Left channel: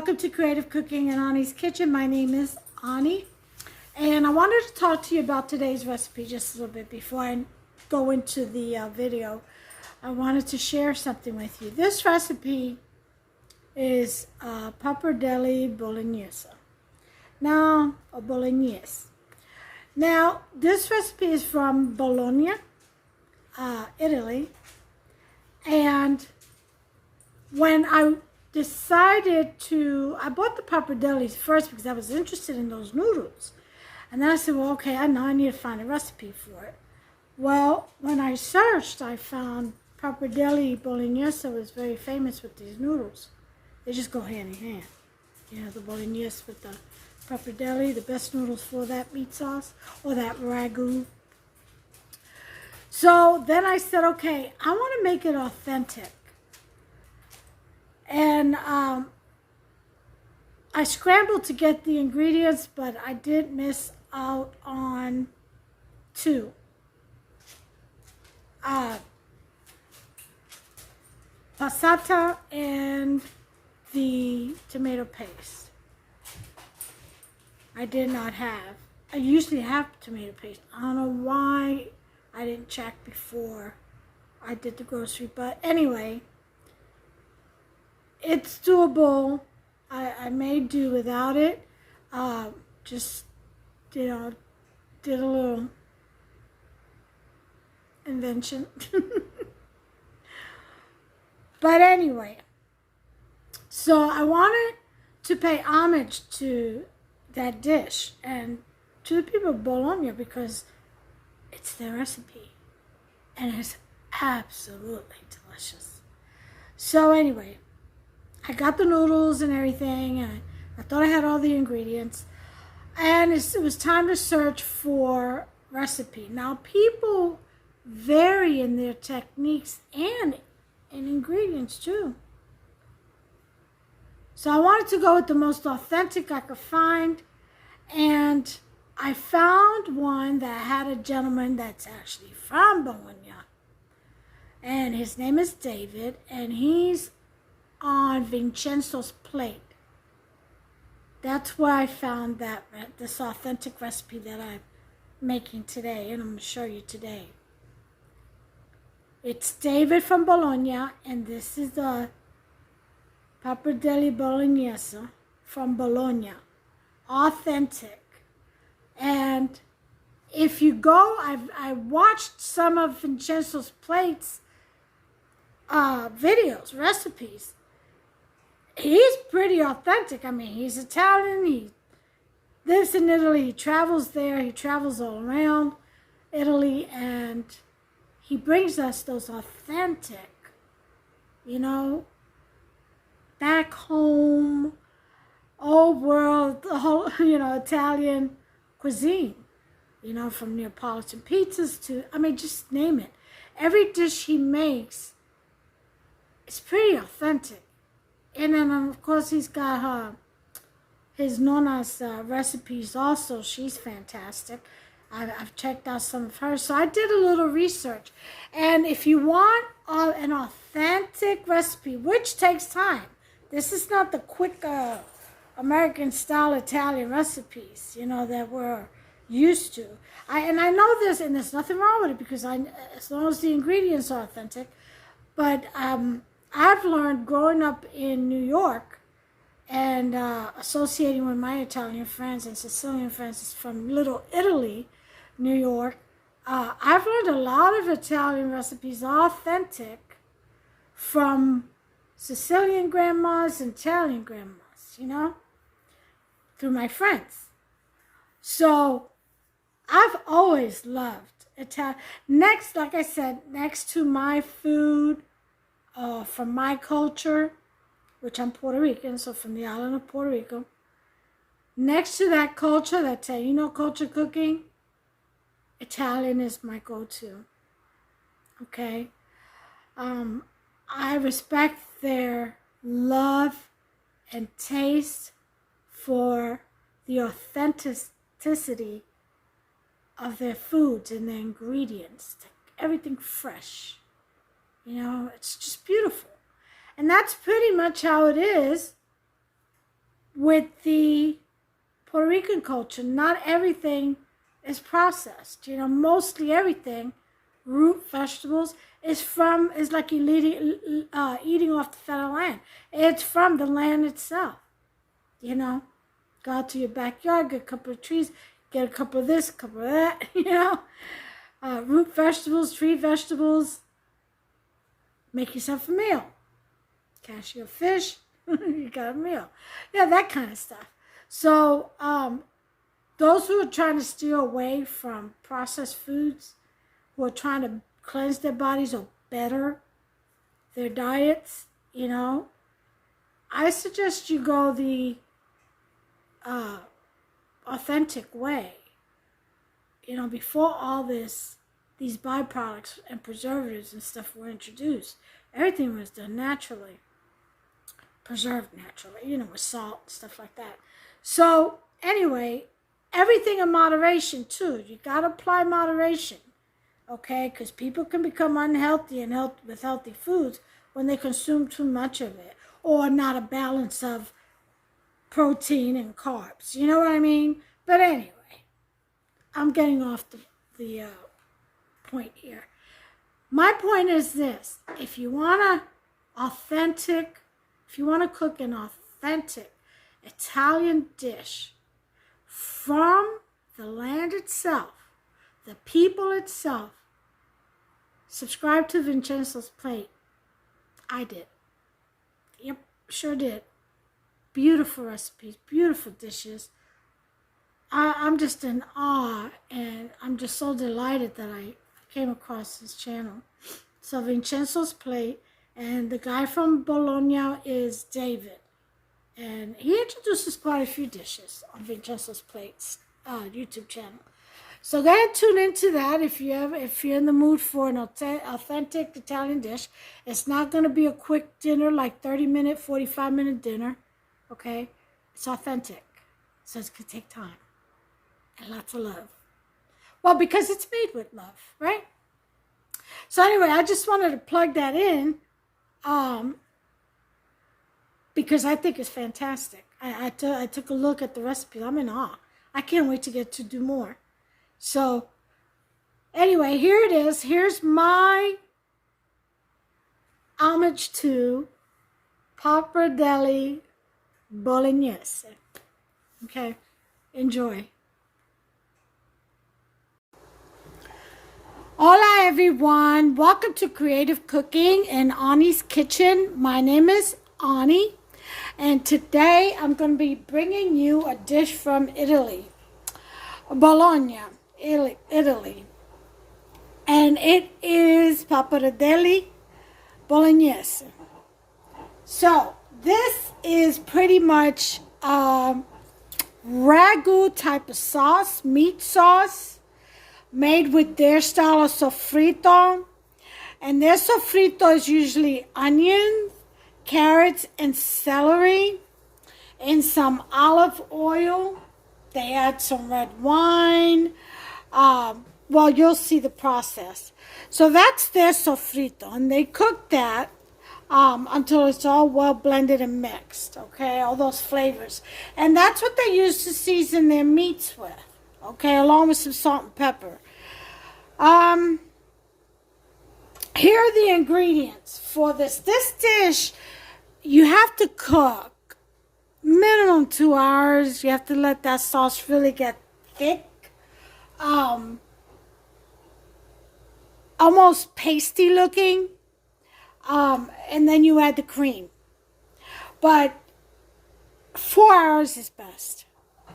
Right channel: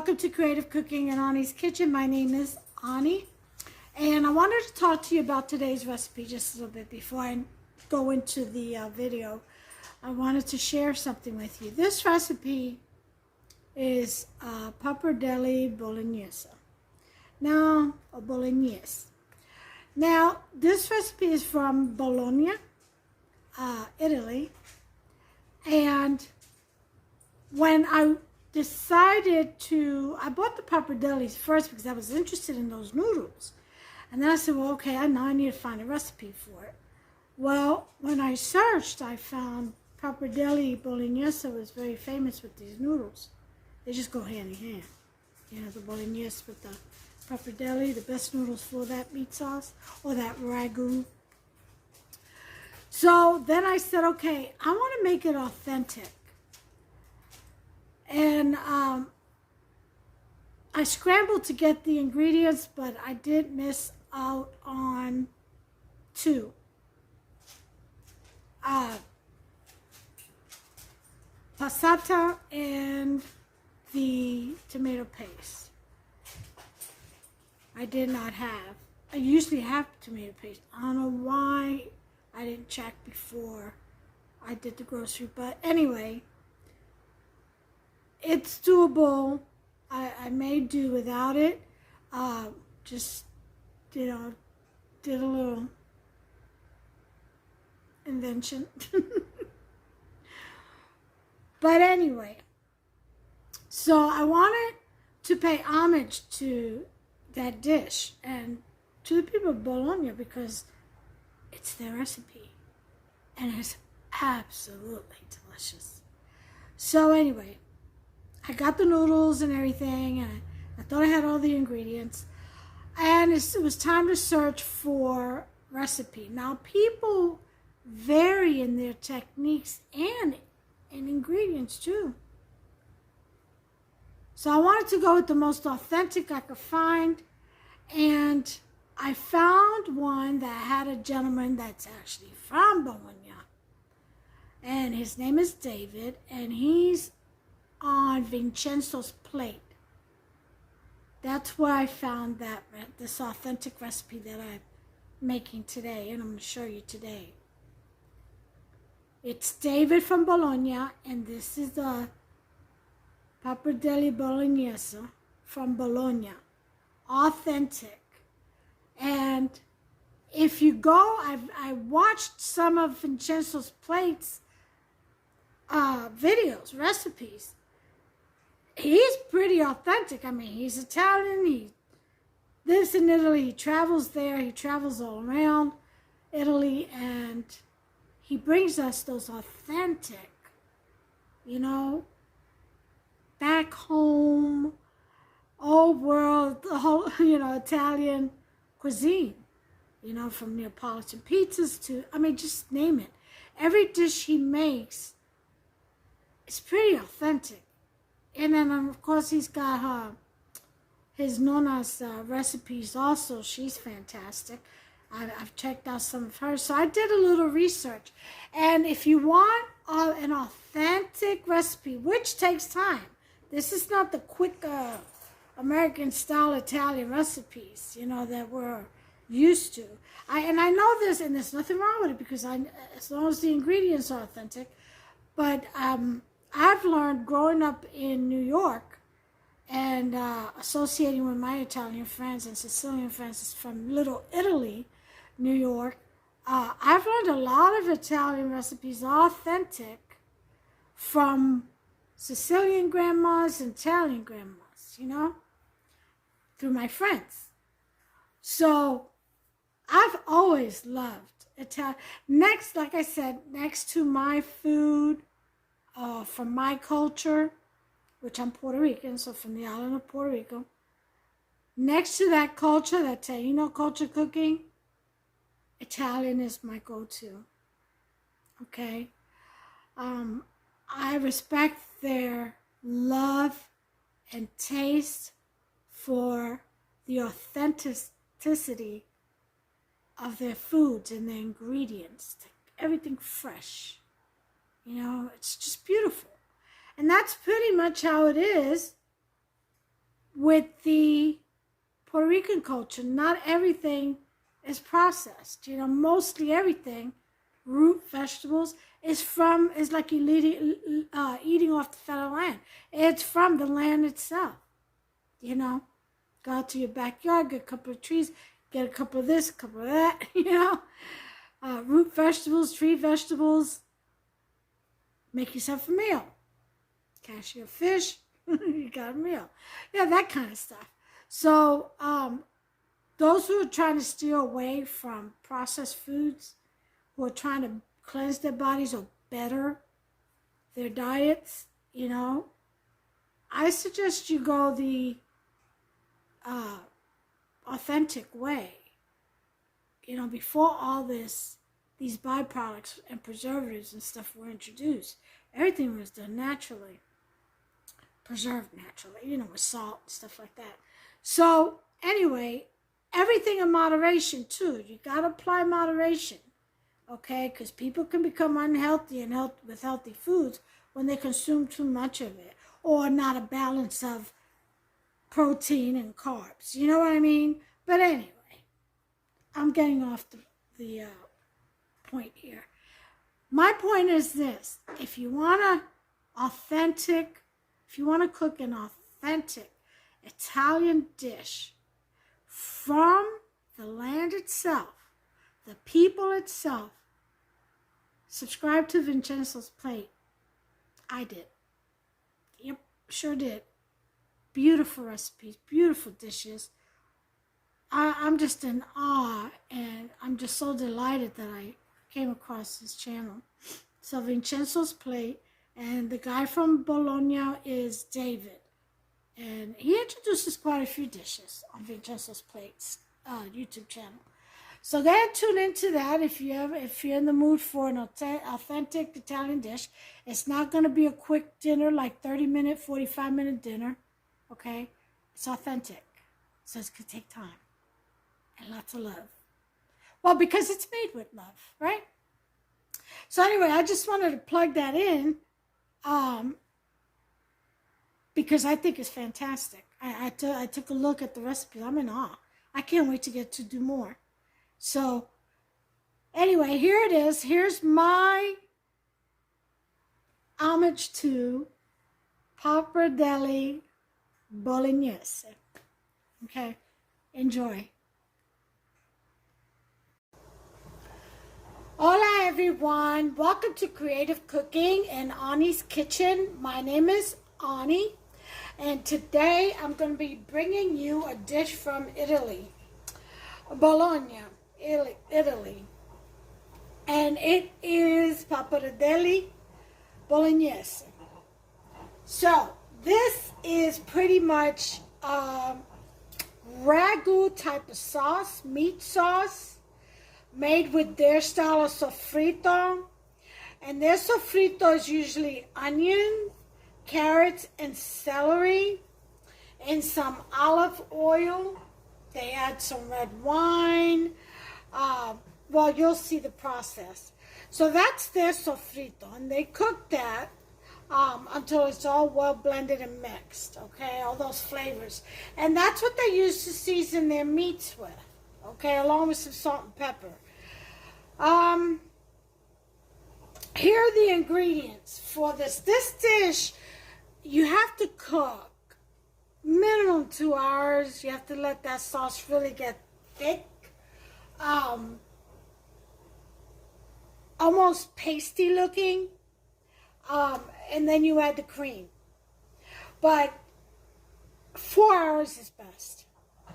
welcome to Creative Cooking in Ani's Kitchen. My name is Ani, and I wanted to talk to you about today's recipe just a little bit before I go into the video. I wanted to share something with you. This recipe is Pappardelle Bolognese. Now, or Bolognese. Now, this recipe is from Bologna, Italy, and when I bought the pappardelles first because I was interested in those noodles. And then I said, well, okay, now I need to find a recipe for it. Well, when I searched, I found Pappardelle Bolognese was very famous with these noodles. They just go hand in hand. You know, the Bolognese with the pappardelle, the best noodles for that meat sauce, or that Ragu. So then I said, okay, I want to make it authentic. And I scrambled to get the ingredients, but I did miss out on two. Passata and the tomato paste. I did not have. I usually have tomato paste. I don't know why I didn't check before I did the grocery, but anyway, it's doable. I may do without it. Just, you know, did a little invention. But anyway, so I wanted to pay homage to that dish and to the people of Bologna because it's their recipe and it's absolutely delicious. So anyway, I got the noodles and everything, and I thought I had all the ingredients. And it was time to search for recipe. Now, people vary in their techniques and in ingredients, too. So I wanted to go with the most authentic I could find. And I found one that had a gentleman that's actually from Bologna. And his name is David, and he's on Vincenzo's plate. That's where I found this authentic recipe that I'm making today, and I'm going to show you today. It's David from Bologna, and this is the Pappardelle Bolognese from Bologna. Authentic. And if you go, I watched some of Vincenzo's plates, videos, recipes. He's pretty authentic. I mean, he's Italian. He lives in Italy. He travels there. He travels all around Italy. And he brings us those authentic, you know, back home, old world, the whole, you know, Italian cuisine. You know, from Neapolitan pizzas to, I mean, just name it. Every dish he makes is pretty authentic. And then, of course, he's got his Nona's recipes also. She's fantastic. I've checked out some of hers. So I did a little research. And if you want an authentic recipe, which takes time, this is not the quick American-style Italian recipes, you know, that we're used to. I know this, and there's nothing wrong with it because as long as the ingredients are authentic. But I've learned growing up in New York and associating with my Italian friends and Sicilian friends from Little Italy, New York, I've learned a lot of Italian recipes authentic from Sicilian grandmas and Italian grandmas, you know, through my friends. So I've always loved Italian. Next, like I said, next to my food, from my culture, which I'm Puerto Rican, so from the island of Puerto Rico. Next to that culture, that Taino culture cooking, Italian is my go-to. Okay? I respect their love and taste for the authenticity of their foods and their ingredients. Everything fresh. You know, it's just beautiful. And that's pretty much how it is with the Puerto Rican culture, not everything is processed. You know, mostly everything, root vegetables, is like you eating off the federal land. It's from the land itself. You know, go out to your backyard, get a couple of trees, get a couple of this, a couple of that. You know, root vegetables, tree vegetables. Make yourself a meal. Catch your fish, you got a meal. Yeah, that kind of stuff. So those who are trying to steer away from processed foods, who are trying to cleanse their bodies or better their diets, you know, I suggest you go the authentic way. You know, before all these byproducts and preservatives and stuff were introduced, everything was done naturally, preserved naturally, you know, with salt and stuff like that. So anyway, everything in moderation too. You got to apply moderation, okay? Because people can become unhealthy and with healthy foods when they consume too much of it, or not a balance of protein and carbs. You know what I mean? But anyway, I'm getting off the point here. My point is this: if you want to cook an authentic Italian dish from the land itself, the people itself, subscribe to Vincenzo's Plate. I did. Yep, sure did. Beautiful recipes, beautiful dishes. I'm just in awe, and I'm just so delighted that I came across his channel. So Vincenzo's Plate, and the guy from Bologna is David. And he introduces quite a few dishes on Vincenzo's Plate's YouTube channel. So go ahead and tune into that if you're in the mood for an authentic Italian dish. It's not going to be a quick dinner, like 30-minute, 45-minute dinner. Okay? It's authentic. So it's going to take time. And lots of love. Well, because it's made with love, right? So anyway, I just wanted to plug that in because I think it's fantastic. I took a look at the recipe. I'm in awe. I can't wait to get to do more. So anyway, here it is. Here's my homage to Pappardelle Bolognese. Okay, enjoy. Hola everyone, welcome to Creative Cooking in Ani's Kitchen. My name is Ani, and today I'm going to be bringing you a dish from Italy, Bologna, Italy, and it is Pappardelle Bolognese. So this is pretty much ragu type of sauce, meat sauce, made with their style of sofrito. And their sofrito is usually onions, carrots, and celery in some olive oil. They add some red wine. Well, you'll see the process. So that's their sofrito, and they cook that until it's all well blended and mixed, okay, all those flavors. And that's what they use to season their meats with, okay, along with some salt and pepper. Here are the ingredients for this. This dish, you have to cook minimum 2 hours. You have to let that sauce really get thick. Almost pasty looking. And then you add the cream. But 4 hours is best.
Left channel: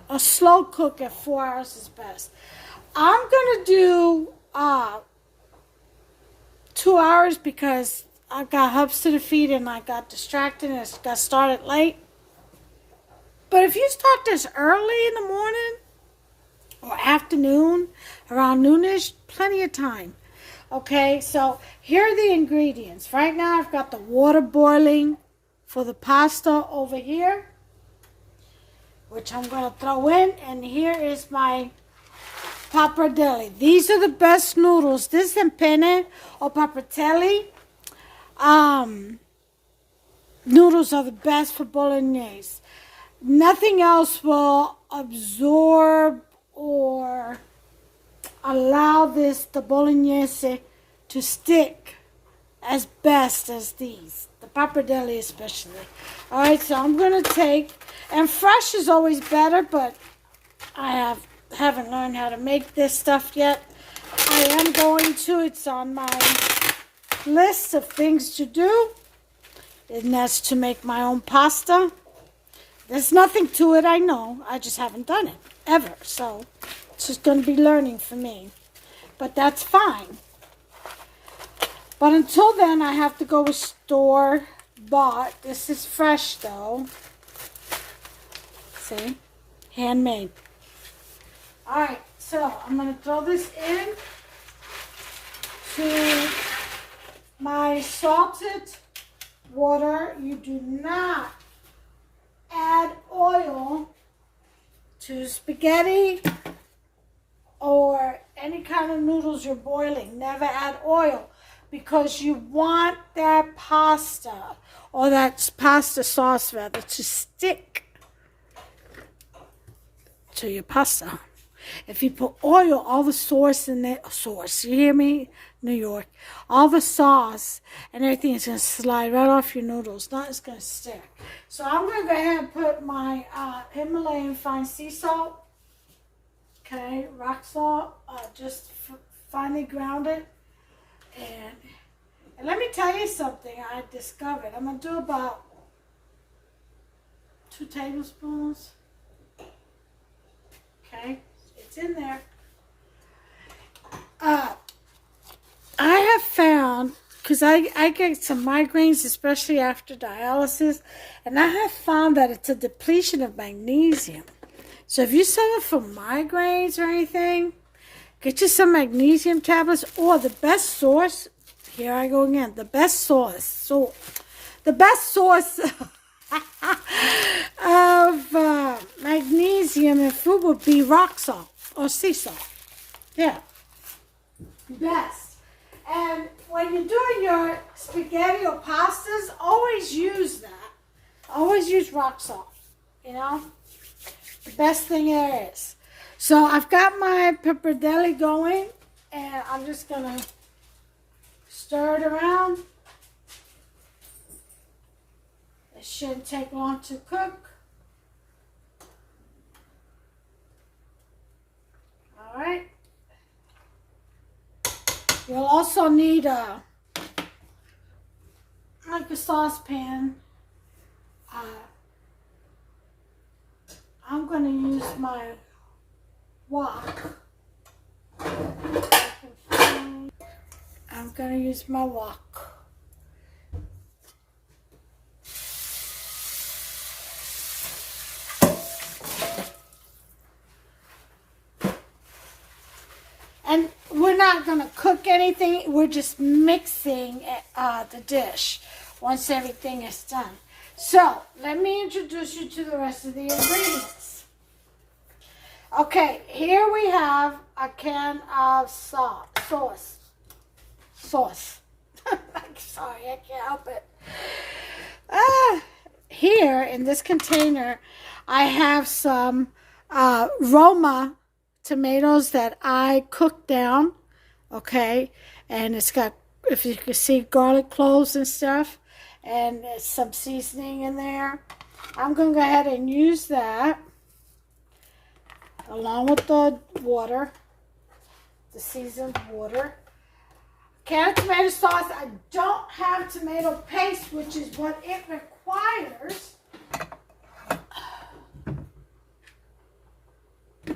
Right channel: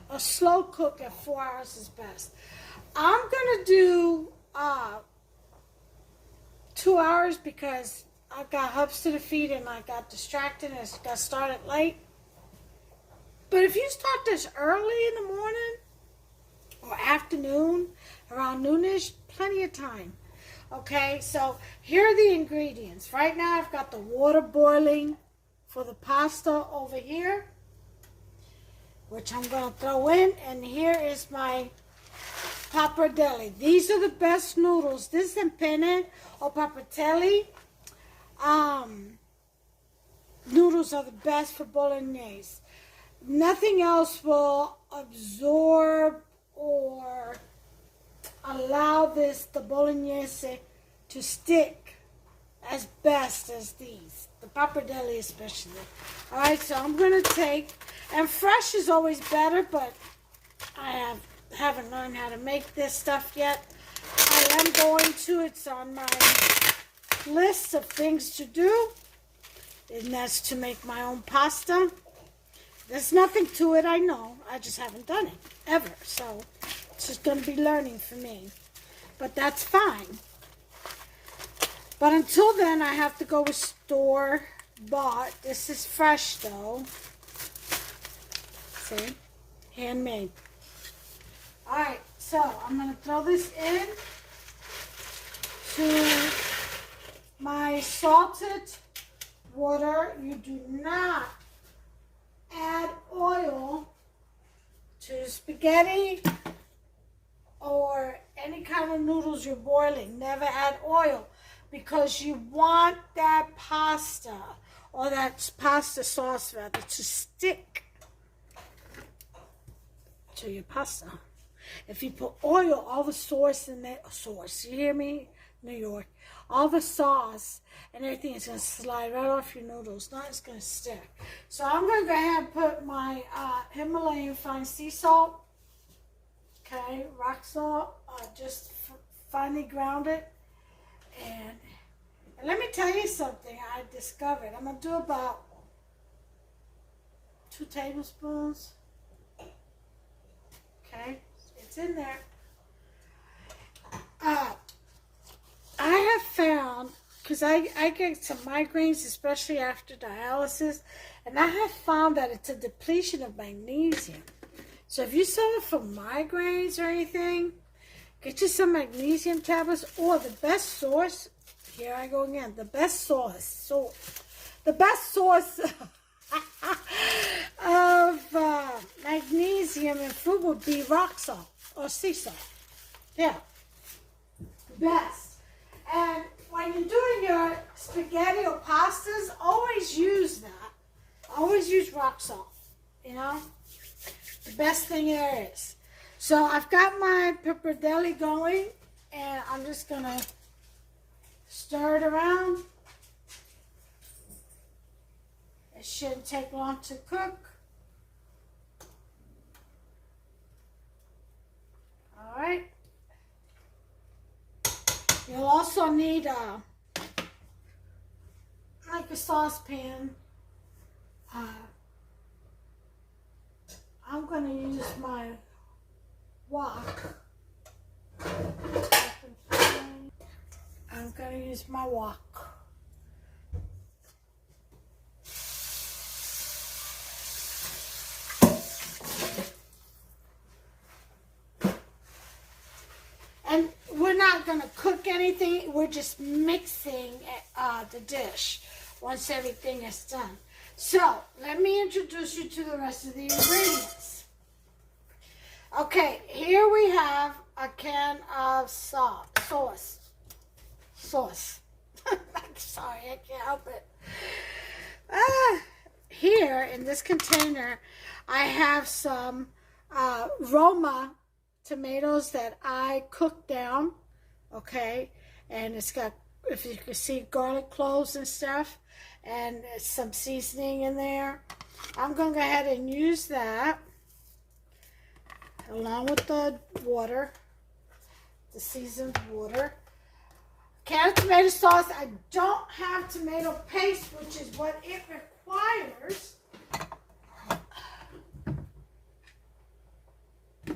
A slow cook at 4 hours is best. I'm going to do 2 hours because I got hubs to the feet and I got distracted and it got started late. But if you start this early in the morning or afternoon, around noonish, plenty of time. Okay, so here are the ingredients. Right now I've got the water boiling for the pasta over here, which I'm going to throw in. And here is my pappardelle. These are the best noodles. This is penne or pappardelle. Noodles are the best for bolognese. nothing else will absorb or allow the Bolognese to stick as best as these. The Pappardelle especially. Alright, so I'm going to take, and fresh is always better, but I haven't learned how to make this stuff yet. I am going to. It's on my list of things to do. And that's to make my own pasta. There's nothing to it, I know. I just haven't done it, ever. So, it's just going to be learning for me. But that's fine. But until then, I have to go with store-bought. This is fresh, though. See? Handmade. Alright, so I'm going to throw this in to my salted water. You do not add oil to spaghetti or any kind of noodles you're boiling. Never add oil because you want that pasta or that pasta sauce rather to stick to your pasta. If you put oil, all the sauce in there, you hear me? New York. All the sauce and everything is going to slide right off your noodles. Not it's going to stick. So I'm going to go ahead and put my Himalayan fine sea salt. Okay, rock salt. Just finely grounded. And let me tell you something I discovered. I'm going to do about 2 tablespoons. Okay, it's in there. I have found, because I get some migraines, especially after dialysis, and I have found that it's a depletion of magnesium. So if you suffer from migraines or anything, get you some magnesium tablets, or the best source, here I go again, the best source of magnesium in food would be rock salt or sea salt. Yeah, best. And when you're doing your spaghetti or pastas, always use that. Always use rock salt, you know? The best thing there is. So I've got my pappardelle going, and I'm just going to stir it around. It shouldn't take long to cook. All right. You'll also need like a saucepan. I'm going to use my wok. I'm going to use my wok. And we're not going to cook anything. We're just mixing the dish once everything is done. So, let me introduce you to the rest of the ingredients. Okay, here we have a can of sauce. Sorry, I can't help it. Here, in this container, I have some Roma tomatoes that I cooked down, okay? And it's got, if you can see, garlic cloves and stuff. And there's some seasoning in there. I'm going to go ahead and use that along with the water, the seasoned water. Can of tomato sauce. I don't have tomato paste, which is what it requires. I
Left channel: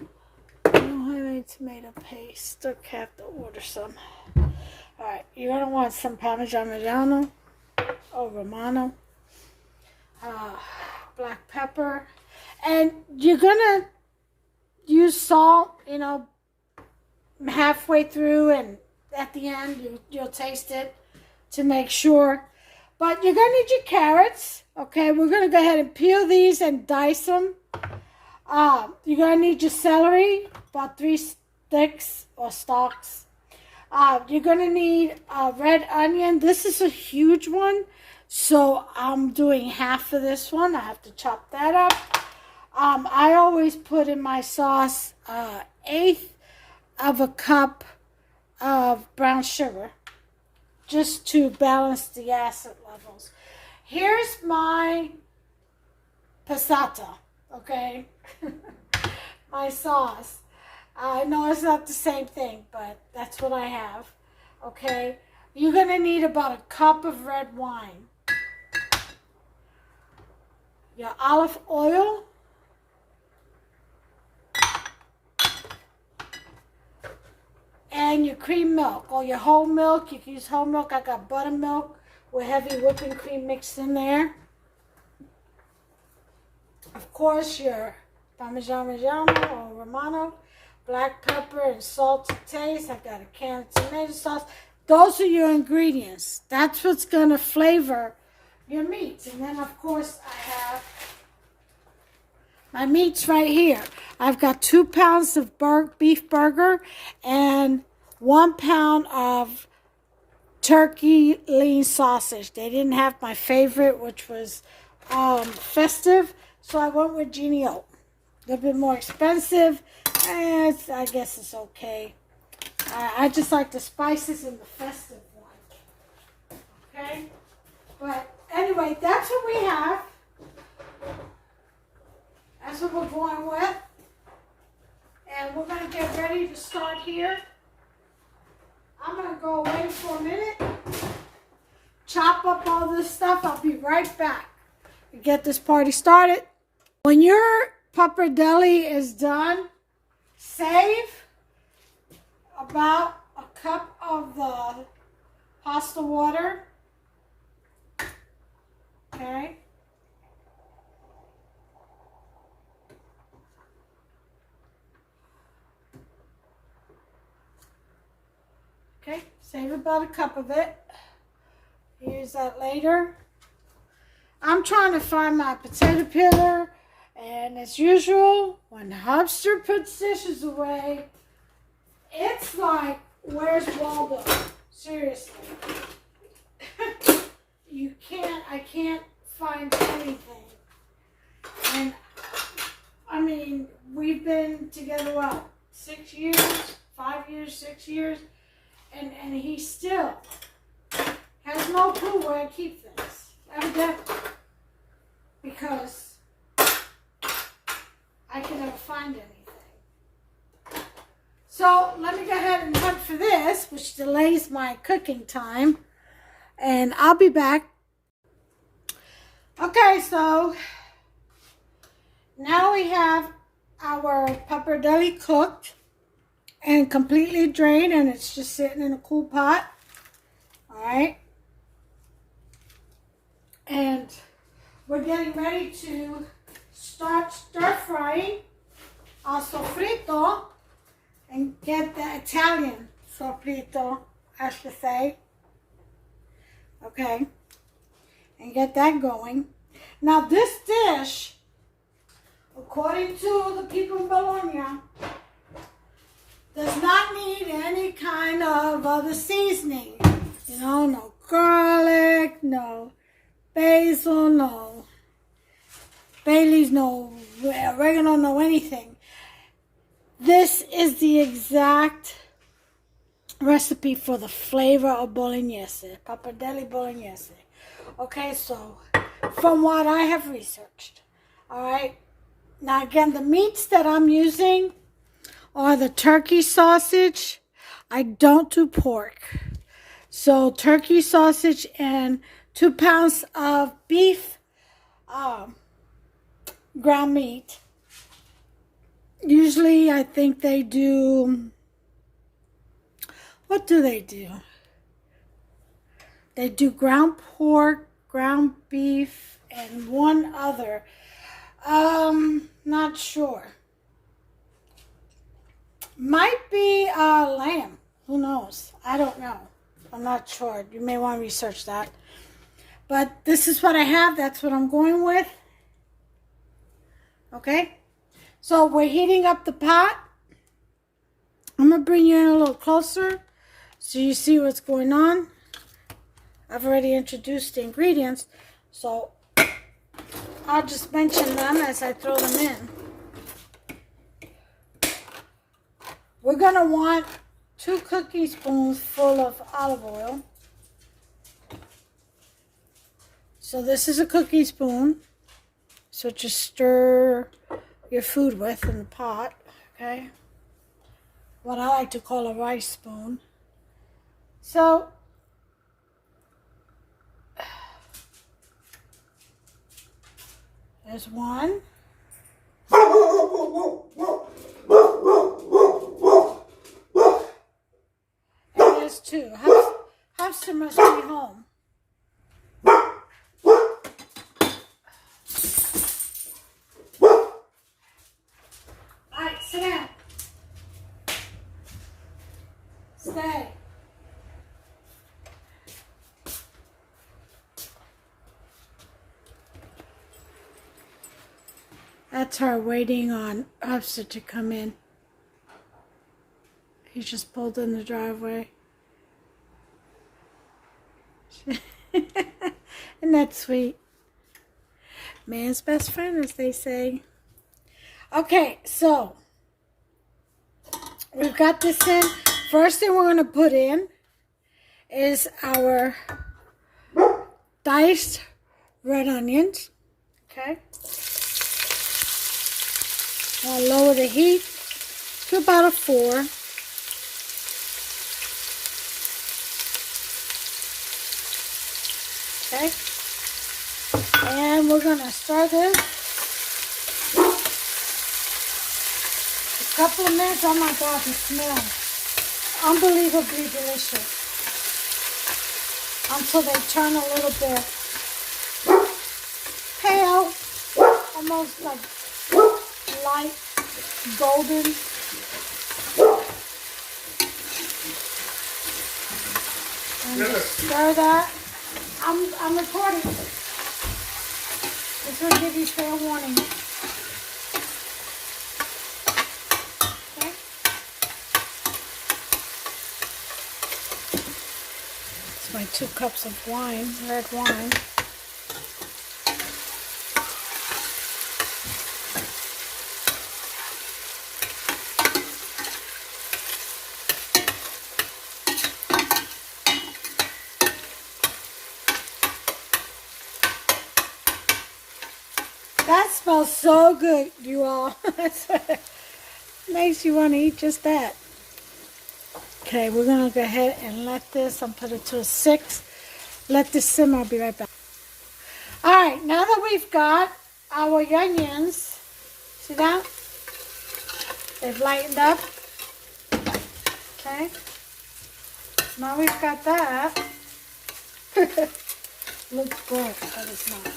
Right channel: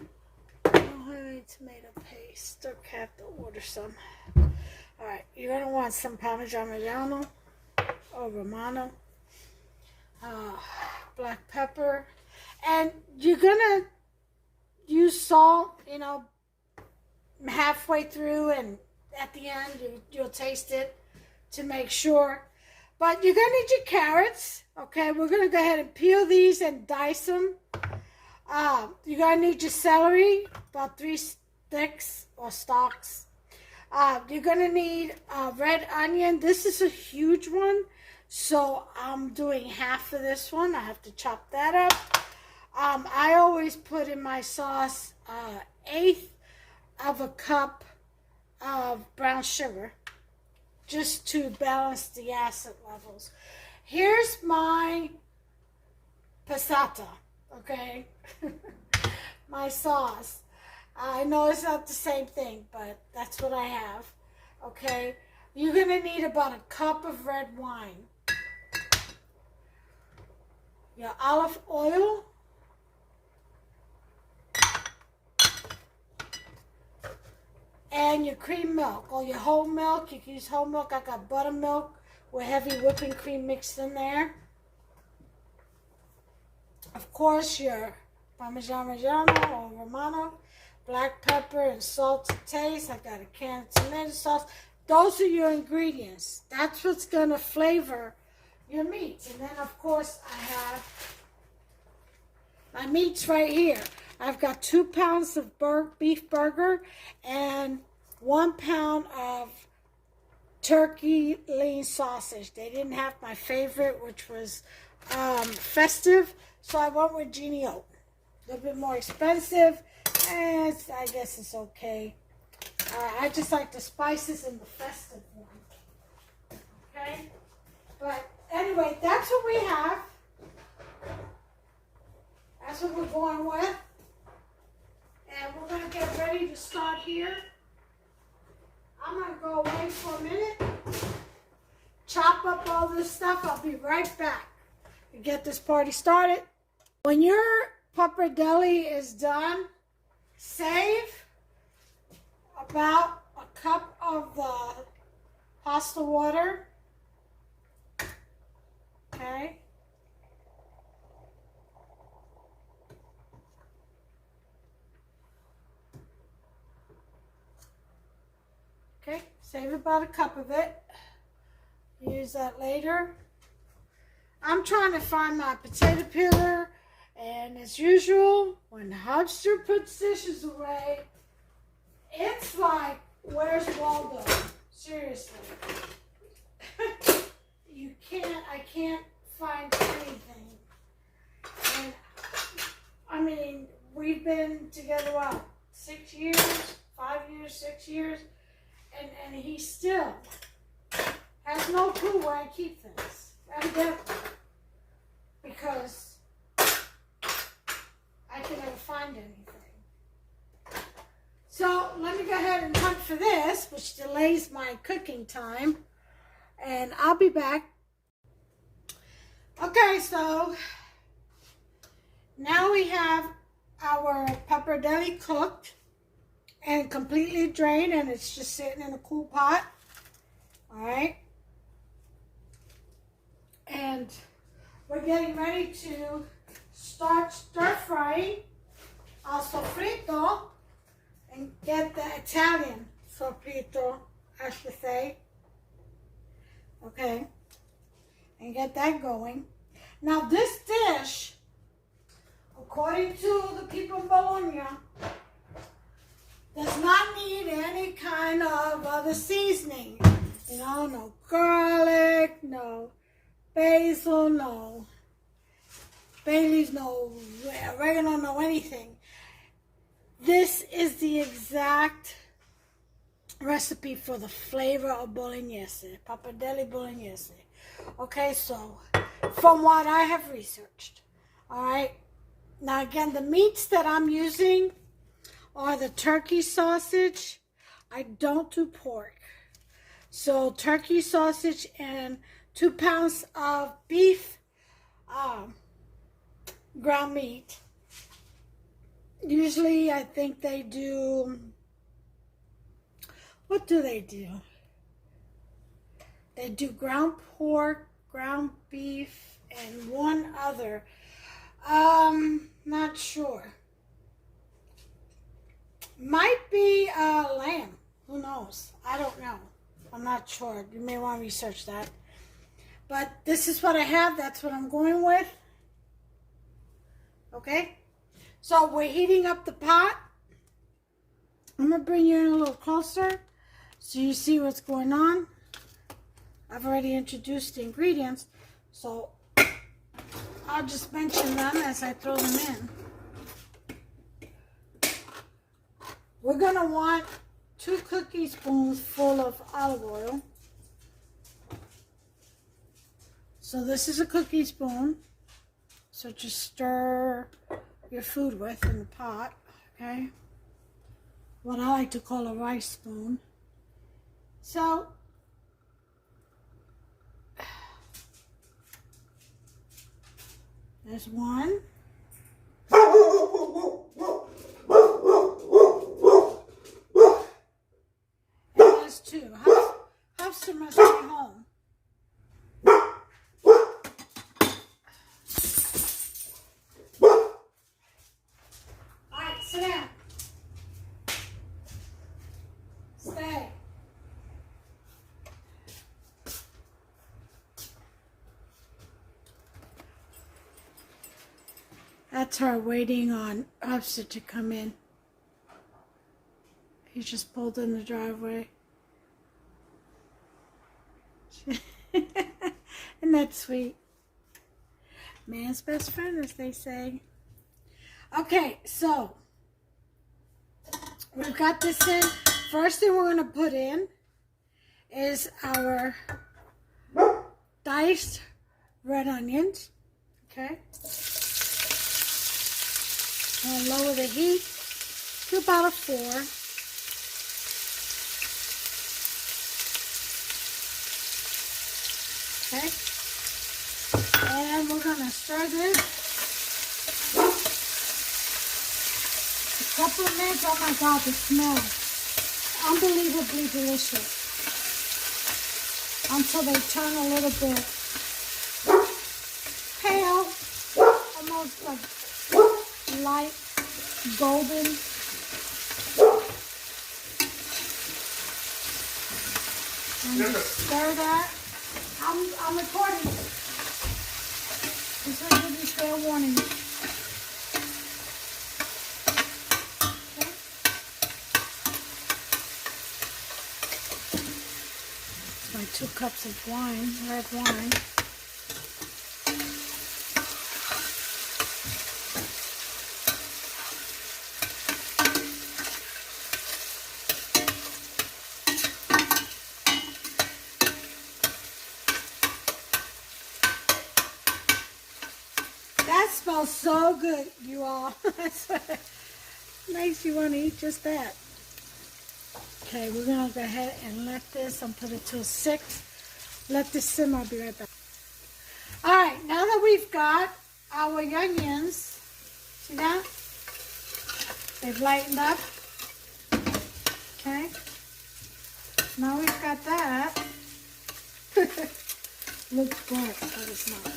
don't have any tomato paste. Okay, I have to order some. Alright, you're going to want some Parmesan Reggiano. Or Romano, black pepper, and you're gonna use salt, you know, halfway through, and at the end you'll taste it to make sure. But you're gonna need your carrots. Okay, we're gonna go ahead and peel these and dice them. You're gonna need your celery, about 3 sticks or stalks. You're going to need a red onion. This is a huge one, so I'm doing half of this one. I have to chop that up. I always put in my sauce 1/8 of a cup of brown sugar just to balance the acid levels. Here's my passata, okay? My sauce. I know it's not the same thing, but that's what I have, okay? You're going to need about a cup of red wine. Your olive oil. And your cream milk, or your whole milk. You can use whole milk. I got buttermilk with heavy whipping cream mixed in there. Of course, your Parmesan Reggiano or Romano, black pepper and salt to taste. I got a can of tomato sauce. Those are your ingredients. That's what's going to flavor your meats. And then, of course, I have my meats right here. I've got 2 pounds of beef burger and 1 pound of turkey lean sausage. They didn't have my favorite, which was festive, so I went with Genio. A little bit more expensive, and I guess it's okay. I just like the spices in the festive one. Okay? But anyway, that's what we have. That's what we're going with. And we're going to get ready to start here. I'm going to go away for a minute. Chop up all this stuff. I'll be right back to get this party started. When your pappardelle is done, save about a cup of the pasta water. Okay. Okay, save about a cup of it. Use that later. I'm trying to find my potato peeler, and as usual, when Hubster puts dishes away, it's like, where's Waldo? Seriously. I can't find anything. And, I mean, we've been together, what, 6 years, 5 years, 6 years? And he still has no clue where I keep things, evidently, because I can never find anything. So let me go ahead and hunt for this, which delays my cooking time, and I'll be back. Okay, so now we have our pappardelle cooked and completely drained, and it's just sitting in a cool pot. All right, and we're getting ready to start stir frying our sofrito and get the Italian sofrito, I should say. Okay, and get that going. Now this dish, according to the people in Bologna, does not need any kind of other seasoning. You know, no garlic, no basil, no bay leaves, no oregano, no anything. This is the exact recipe for the flavor of Bolognese, Pappardelle Bolognese. Okay, so from what I have researched, all right. Now again, the meats that I'm using are the turkey sausage. I don't do pork. So turkey sausage and 2 pounds of beef ground meat. Usually I think they do, what do? They do ground pork, ground beef, and one other. Not sure. Might be lamb. Who knows? I don't know. I'm not sure. You may want to research that. But this is what I have. That's what I'm going with. Okay? So we're heating up the pot. I'm going to bring you in a little closer so you see what's going on. I've already introduced the ingredients. So I'll just mention them as I throw them in. We're going to want 2 cookie spoons full of olive oil. So this is a cookie spoon. So just stir your food with in the pot, okay? What I like to call a rice spoon. So there's 1. And there's 2. Hamster must be home. Alright, sit down. Stay. That's her waiting on Hamster to come in. He just pulled in the driveway. Isn't that sweet? Man's best friend, as they say. Okay, so we've got this in. First thing we're going to put in is our diced red onions. Okay. I'll lower the heat to about a 4. Okay. And we're going to stir this a couple of minutes. Oh my God, the smell. Unbelievably delicious. Until they turn a little bit pale, almost like light golden. And stir that. I'm recording. This will give you fair warning. Okay. It's my 2 cups of wine, red wine. That smells so good, you all. Makes you want to eat just that. Okay, we're going to go ahead and let this, I'll put it to a 6. Let this simmer, I'll be right back. Alright, now that we've got our onions, see that? They've lightened up. Okay. Now we've got that. Looks good, but it's not.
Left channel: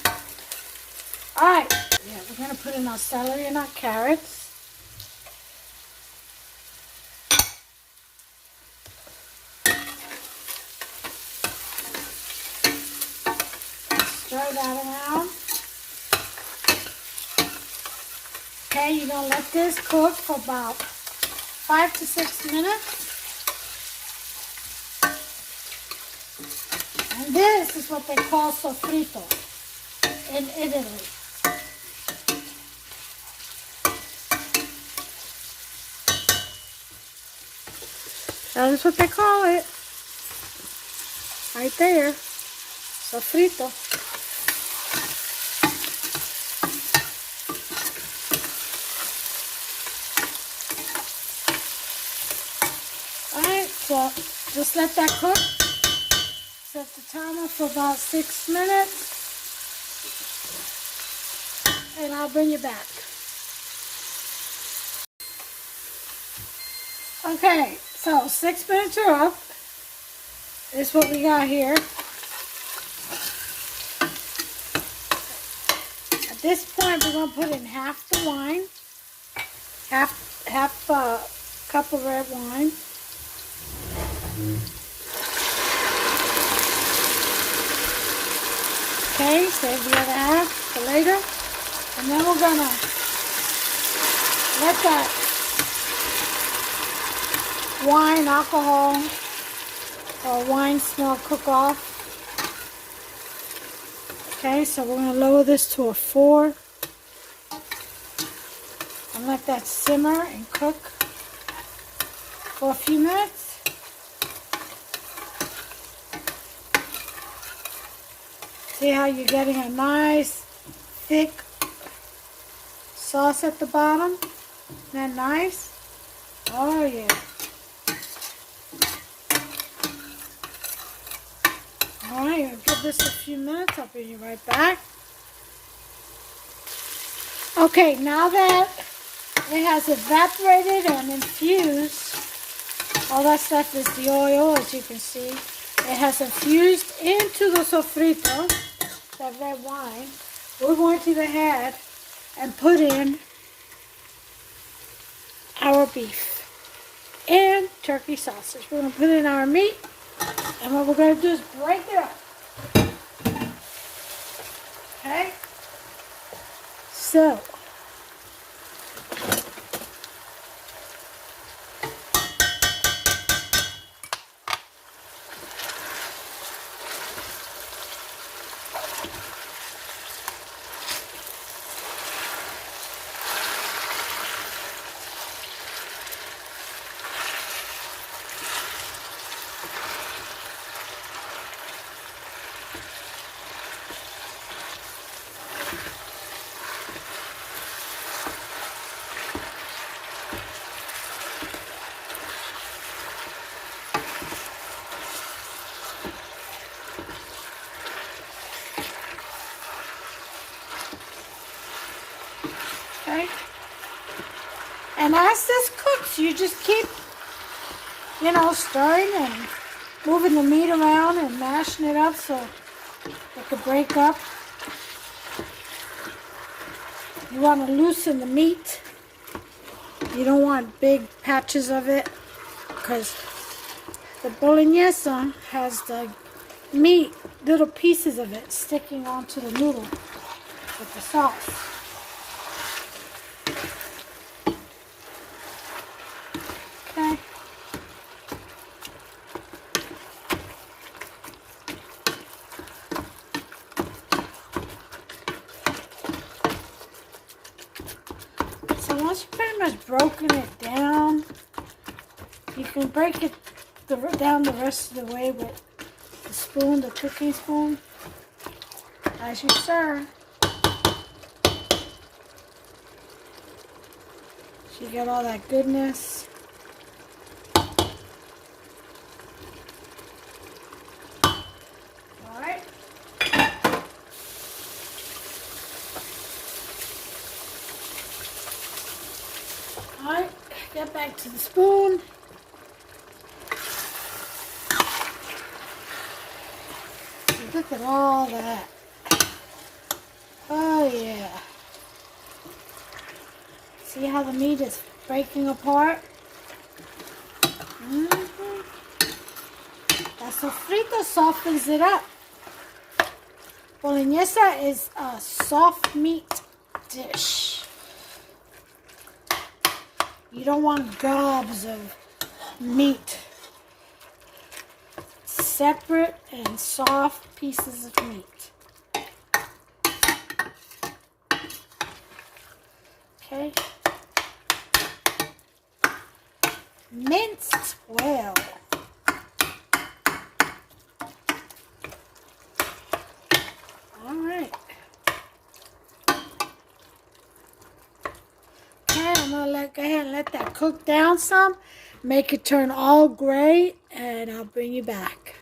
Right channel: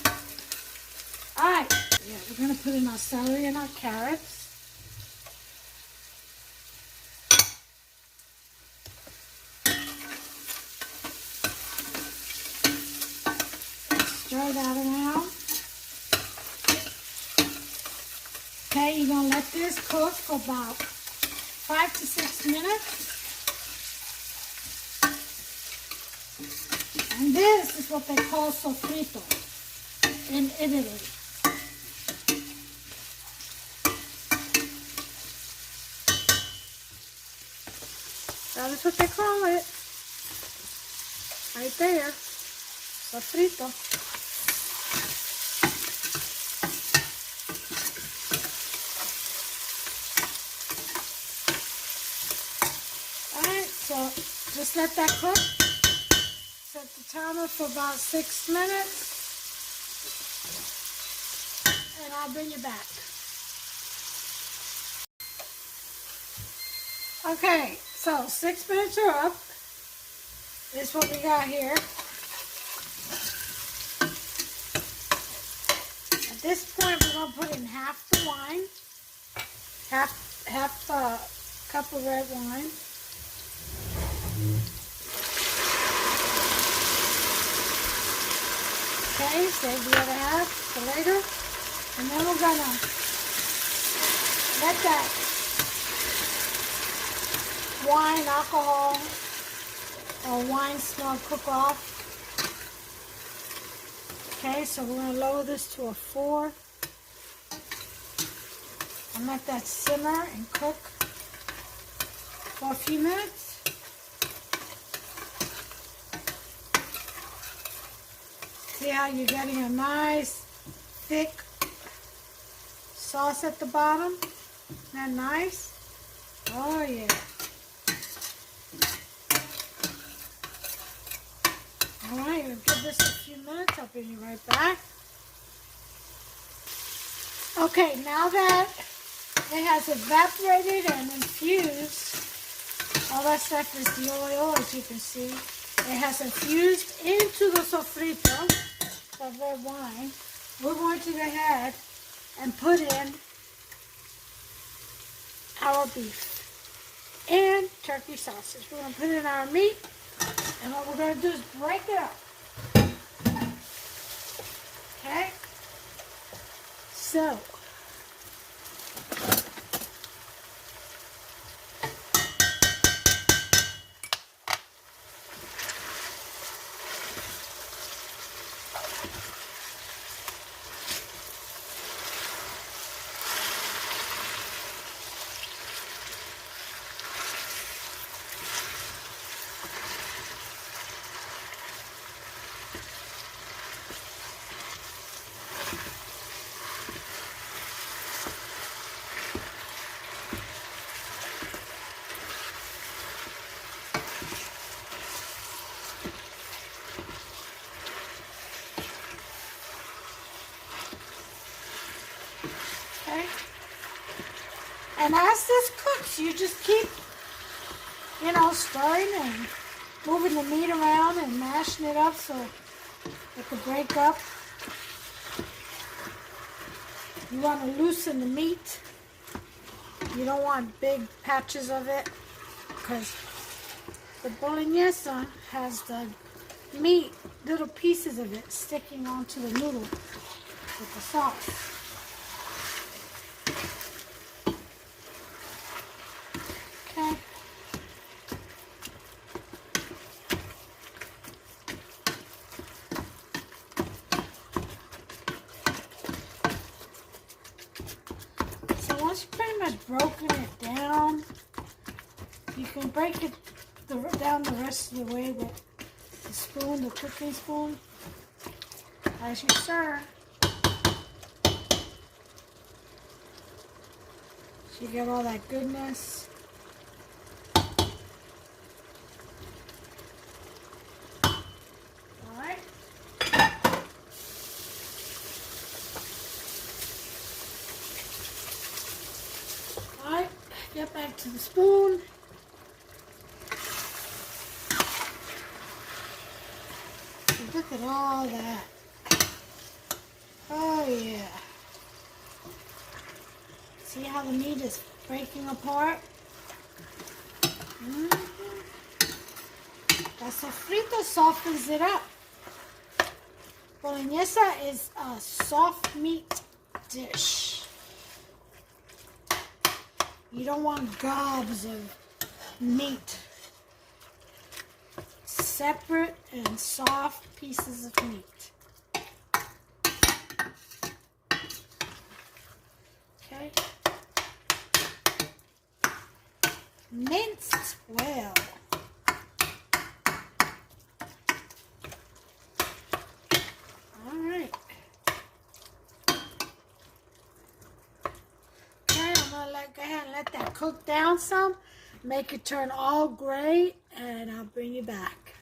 Alright, yeah, we're going to put in our celery and our carrots. Stir that around. Okay, you're going to let this cook for about 5 to 6 minutes. And this is what they call sofrito in Italy. That is what they call it. Right there. Sofrito. Alright, so just let that cook. Set the timer for about 6 minutes. And I'll bring you back. Okay, so 6 minutes are up. This is what we got here. At this point, we're going to put in half the wine, half a cup of red wine. Okay, save the other half for later. And then we're going to let that wine, alcohol, or wine smell cook off. Okay, so we're going to lower this to a 4 and let that simmer and cook for a few minutes. See how you're getting a nice, thick sauce at the bottom? Isn't that nice? Oh, yeah. All right, I'll give this a few minutes. I'll bring you right back. Okay, now that it has evaporated and infused, all that stuff is the oil, as you can see. It has infused into the sofrito, that red wine. We're going to go ahead and put in our beef and turkey sausage. We're going to put in our meat, and what we're going to do is break it up. Okay? So, okay? And as this cooks, you just keep, stirring and moving the meat around and mashing it up so it could break up. You want to loosen the meat. You don't want big patches of it because the Bolognese has the meat, little pieces of it sticking onto the noodle with the sauce. Okay. So once you've pretty much broken it down, you can break it down the rest of the way with the spoon, the cooking spoon, as you stir. So you get all that goodness. Alright. Alright, get back to the spoon. Look at all that. Oh yeah. See how the meat is breaking apart? The sofrito softens it up. Bolognese is a soft meat dish. You don't want gobs of meat. Separate and soft pieces of meat. Okay. Minced well. All right. Okay, I'm gonna go ahead and let that cook down some. Make it turn all gray, and I'll bring you back.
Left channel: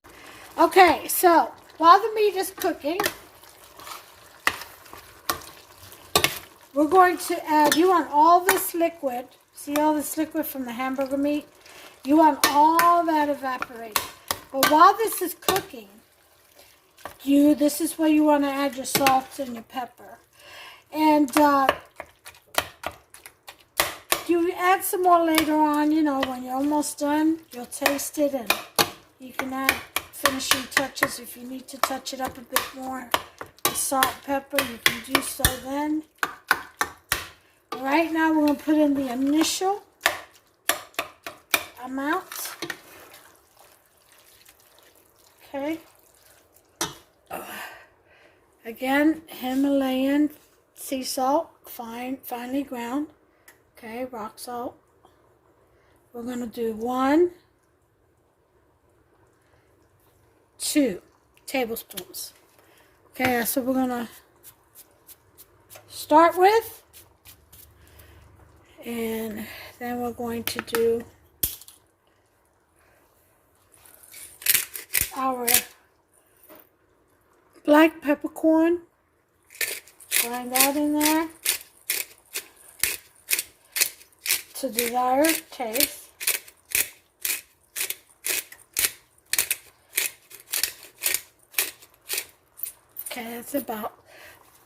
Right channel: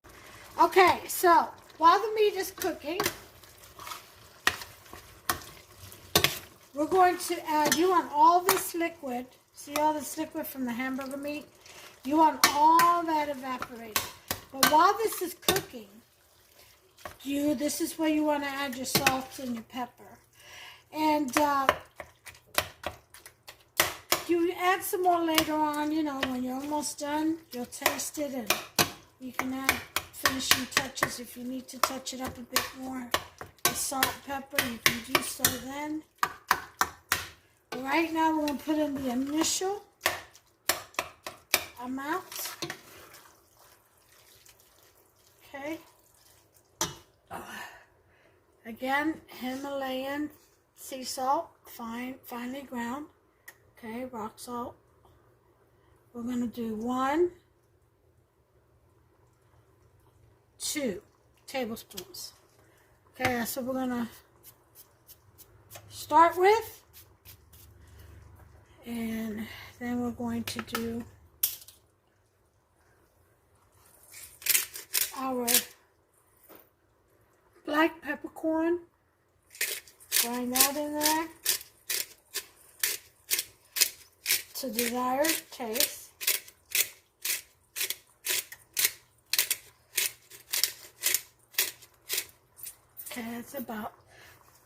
Okay, so while the meat is cooking, we're going to add, you want all this liquid, see all this liquid from the hamburger meat? You want all that evaporated. But while this is cooking, this is where you want to add your salt and your pepper. And you add some more later on, when you're almost done, you'll taste it and you can add finishing touches if you need to touch it up a bit more with salt and pepper. You can do so then. Right now we're going to put in the initial amount. Again, Himalayan sea salt, finely ground. Okay, rock salt. We're going to do 1, 2 tablespoons. Okay, that's what we're going to start with. And then we're going to do our black peppercorn. Grind that in there to desired taste. Okay, that's about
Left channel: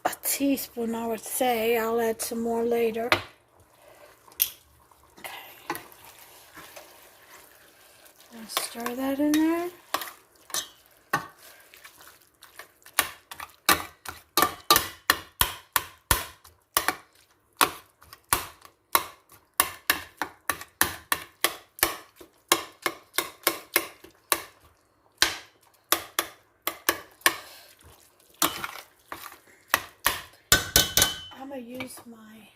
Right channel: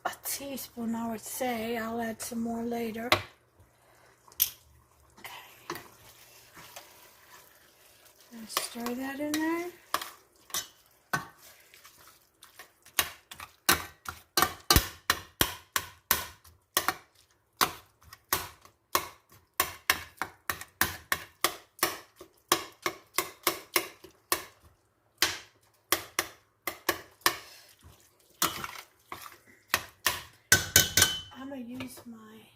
a teaspoon, I would say. I'll add some more later. Okay. I'll stir that in there. I'm going to use my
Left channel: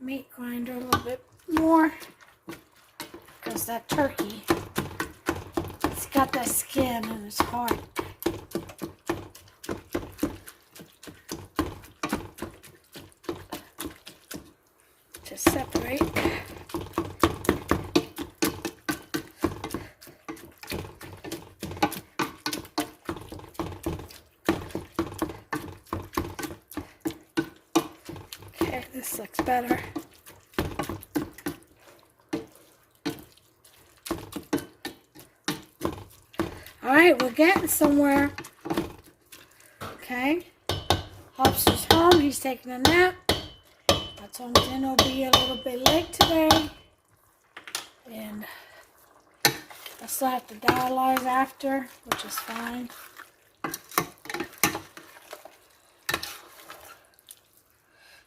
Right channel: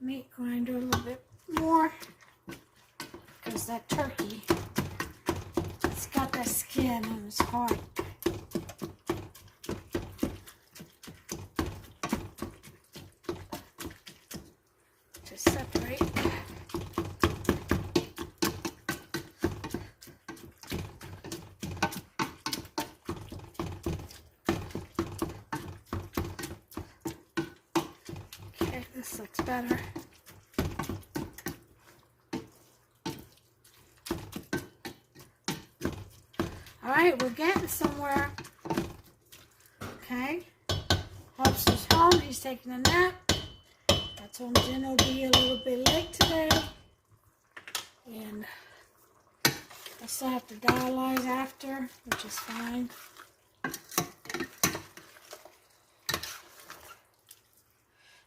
meat grinder a little bit more because that turkey, it's got that skin and it's hard. To separate. This looks better. All right, we're getting somewhere. Okay. Hobbs is home. He's taking a nap. I told him dinner will be a little bit late today. And I still have to dialyze after, which is fine.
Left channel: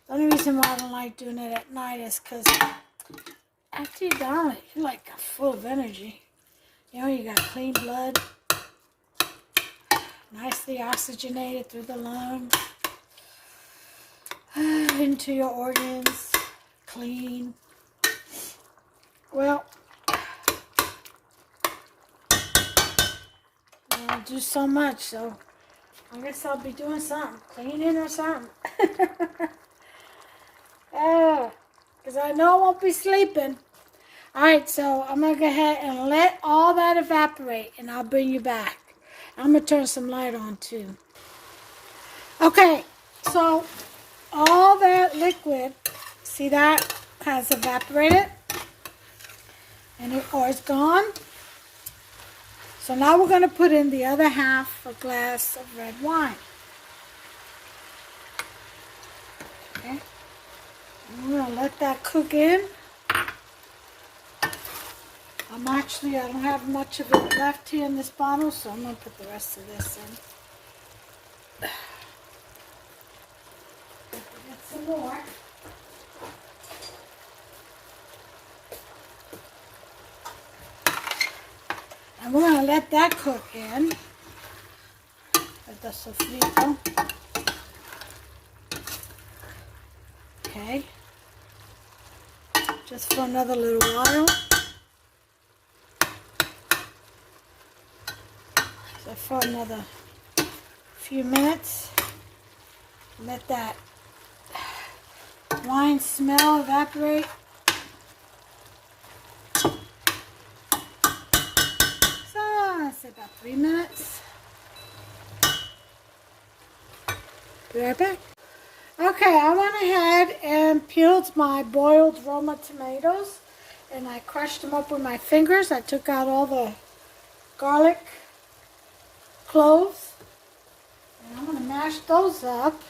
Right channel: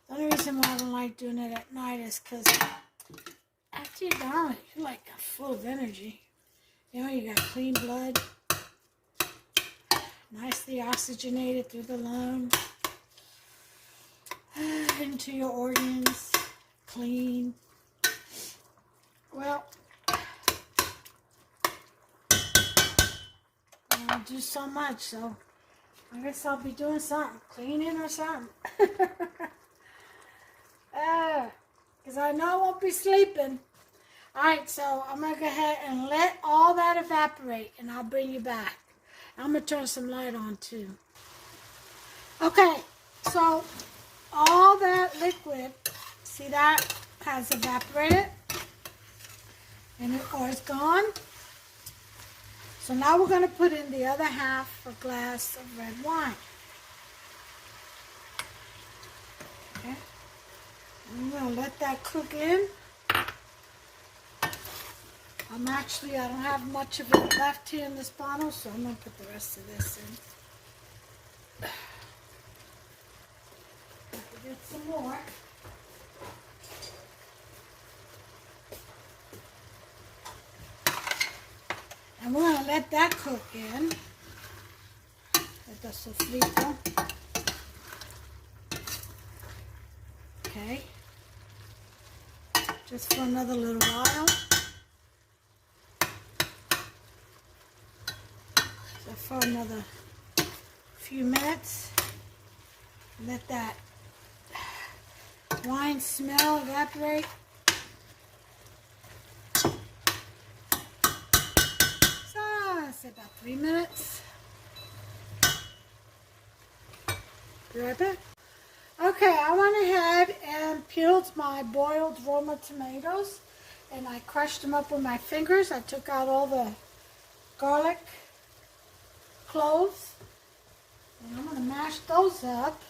The only reason why I don't like doing it at night is because after you're done, you're like full of energy. You know, you got clean blood, nicely oxygenated through the lungs, into your organs, clean. Well, I don't do so much, so I guess I'll be doing something, cleaning or something. Because I know I won't be sleeping. Alright, so I'm going to go ahead and let all that evaporate, and I'll bring you back. I'm going to turn some light on, too. Okay, so all that liquid, see that, has evaporated, and it's gone. So now we're going to put in the other half a glass of red wine. Okay. I'm going to let that cook in. I don't have much of it left here in this bottle, so I'm going to put the rest of this in. Get some more. And we're going to let that cook in. That's sofrito. Okay. Just for another little while. So for another few minutes. Let that wine smell evaporate. So I'd say about 3 minutes. Be right back. Okay, I went ahead and peeled my boiled Roma tomatoes and I crushed them up with my fingers. I took out all the garlic cloves and I'm going to mash those up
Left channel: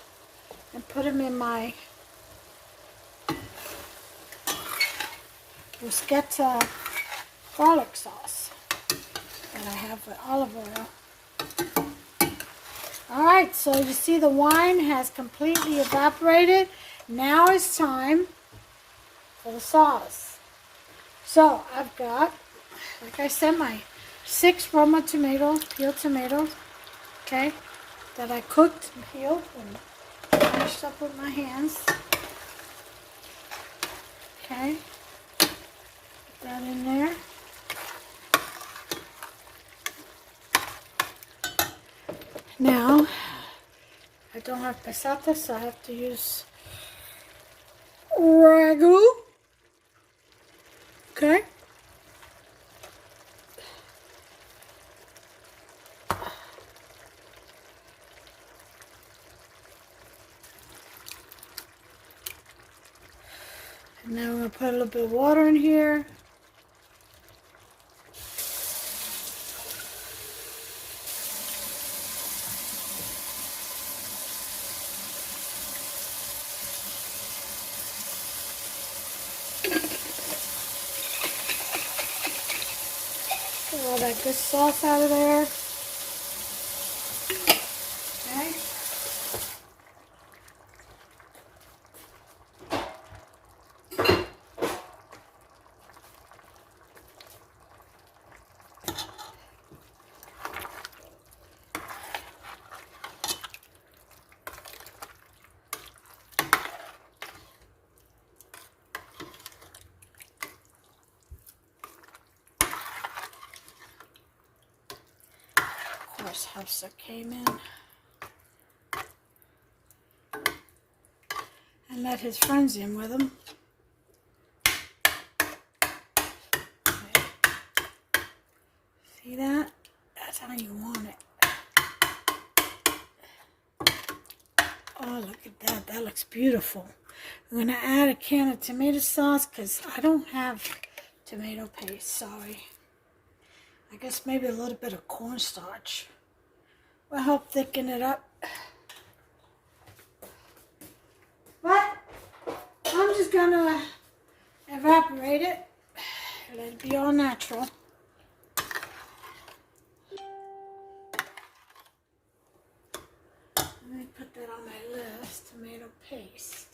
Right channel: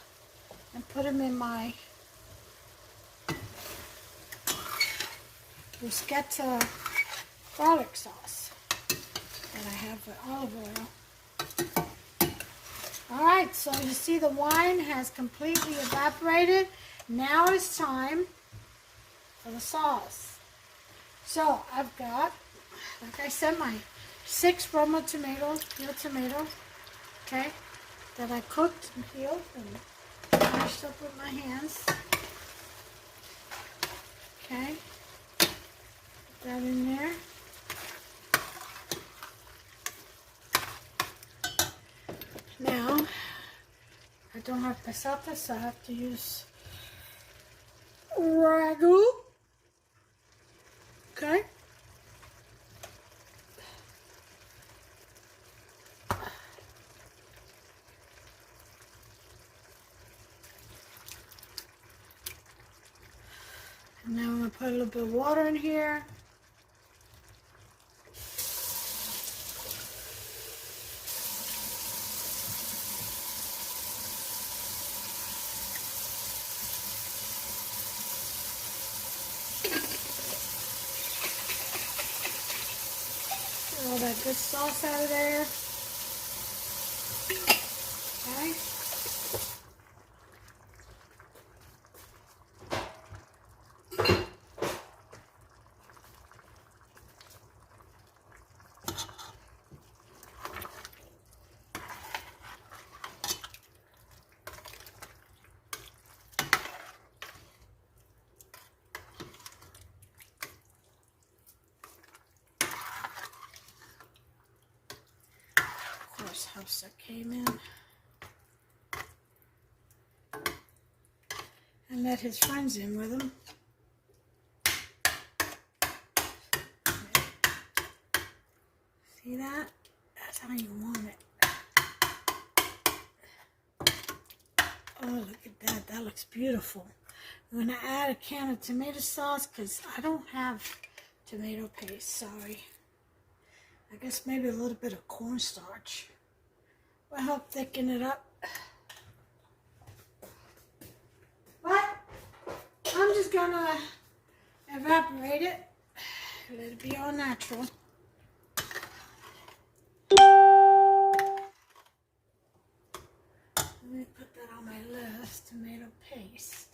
and put them in my bruschetta garlic sauce that I have with olive oil. Alright, so you see the wine has completely evaporated. Now it's time for the sauce. So I've got, like I said, my 6 Roma tomatoes, peeled tomatoes. Okay, that I cooked and peeled and mashed up with my hands. Okay, put that in there. Now, I don't have passata, so I have to use Ragu. Okay. And now I'm going to put a little bit of water in here. Get all that good sauce out of there. Okay. Of course, Hafsa came in and let his friends in with him. Okay. See that? That's how you want it. Oh, look at that. That looks beautiful. I'm going to add a can of tomato sauce because I don't have tomato paste. Sorry. I guess maybe a little bit of cornstarch will help thicken it up. But I'm just going to evaporate it. Let it be all natural. Let me put that on my list, tomato paste.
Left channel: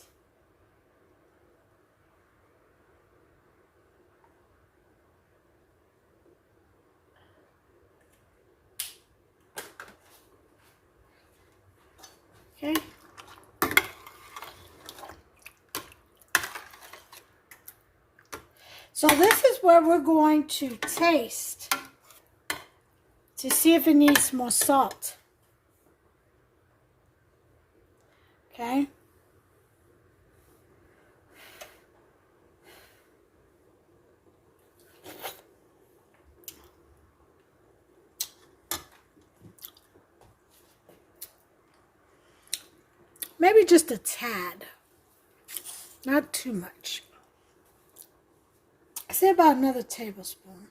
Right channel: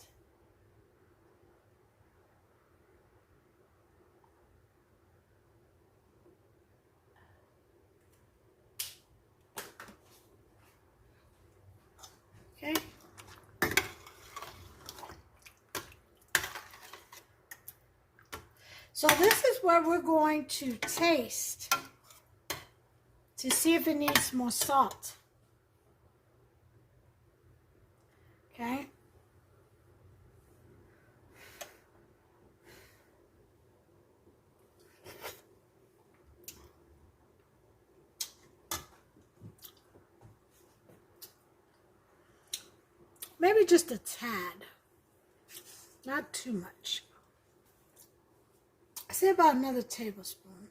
Okay. So this is where we're going to taste to see if it needs more salt. Okay. Maybe just a tad, not too much. I say about another tablespoon.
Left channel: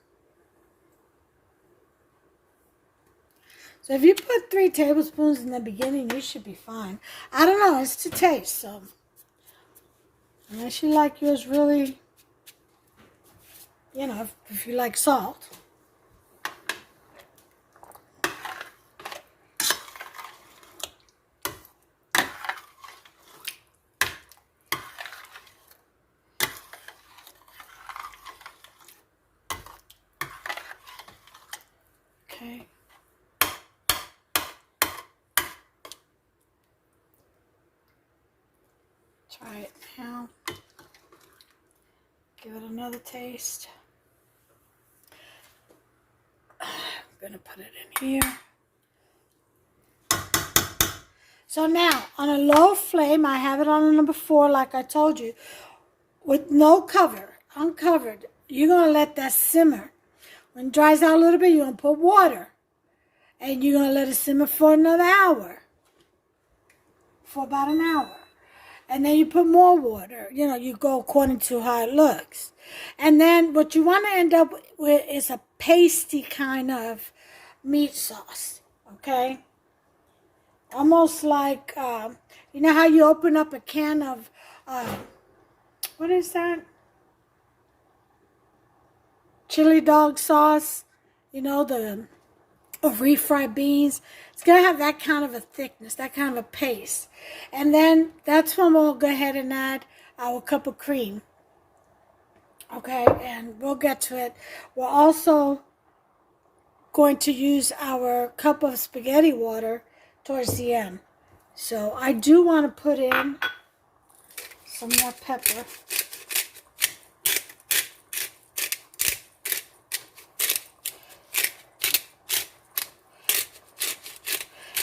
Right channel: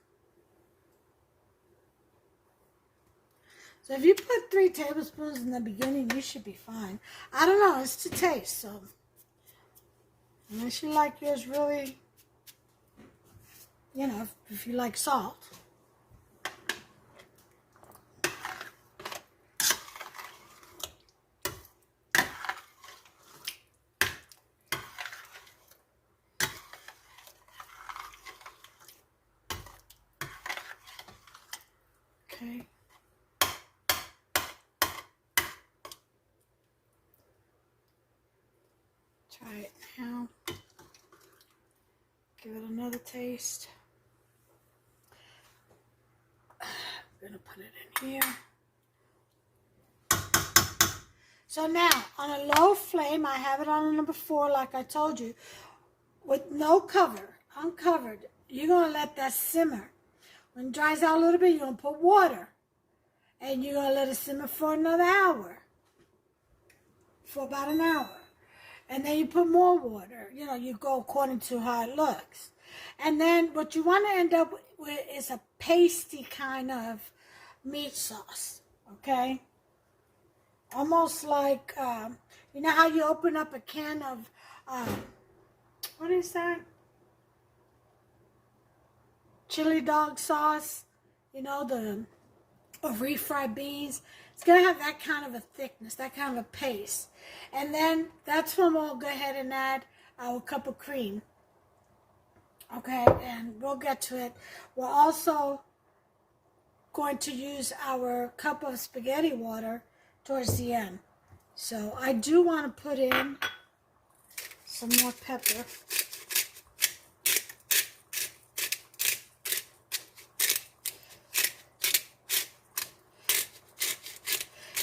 So if you put 3 tablespoons in the beginning, you should be fine. I don't know, it's to taste, so unless you like yours really, you know, if you like salt. Okay. Try it now. Give it another taste. I'm gonna put it in here. So now, on a low flame, I have it on number 4, like I told you, with no cover, uncovered. You're gonna let that simmer. When it dries out a little bit, you're gonna put water. And you're gonna let it simmer for another hour. For about an hour. And then you put more water. You know, you go according to how it looks. And then what you want to end up with is a pasty kind of meat sauce. Okay? Almost like, you know how you open up a can of, what is that? Chili dog sauce. You know, or refried beans. It's going to have that kind of a thickness, that kind of a paste. And then that's when we'll go ahead and add our cup of cream. Okay, and we'll get to it. We're also going to use our cup of spaghetti water towards the end. So I do want to put in some more pepper.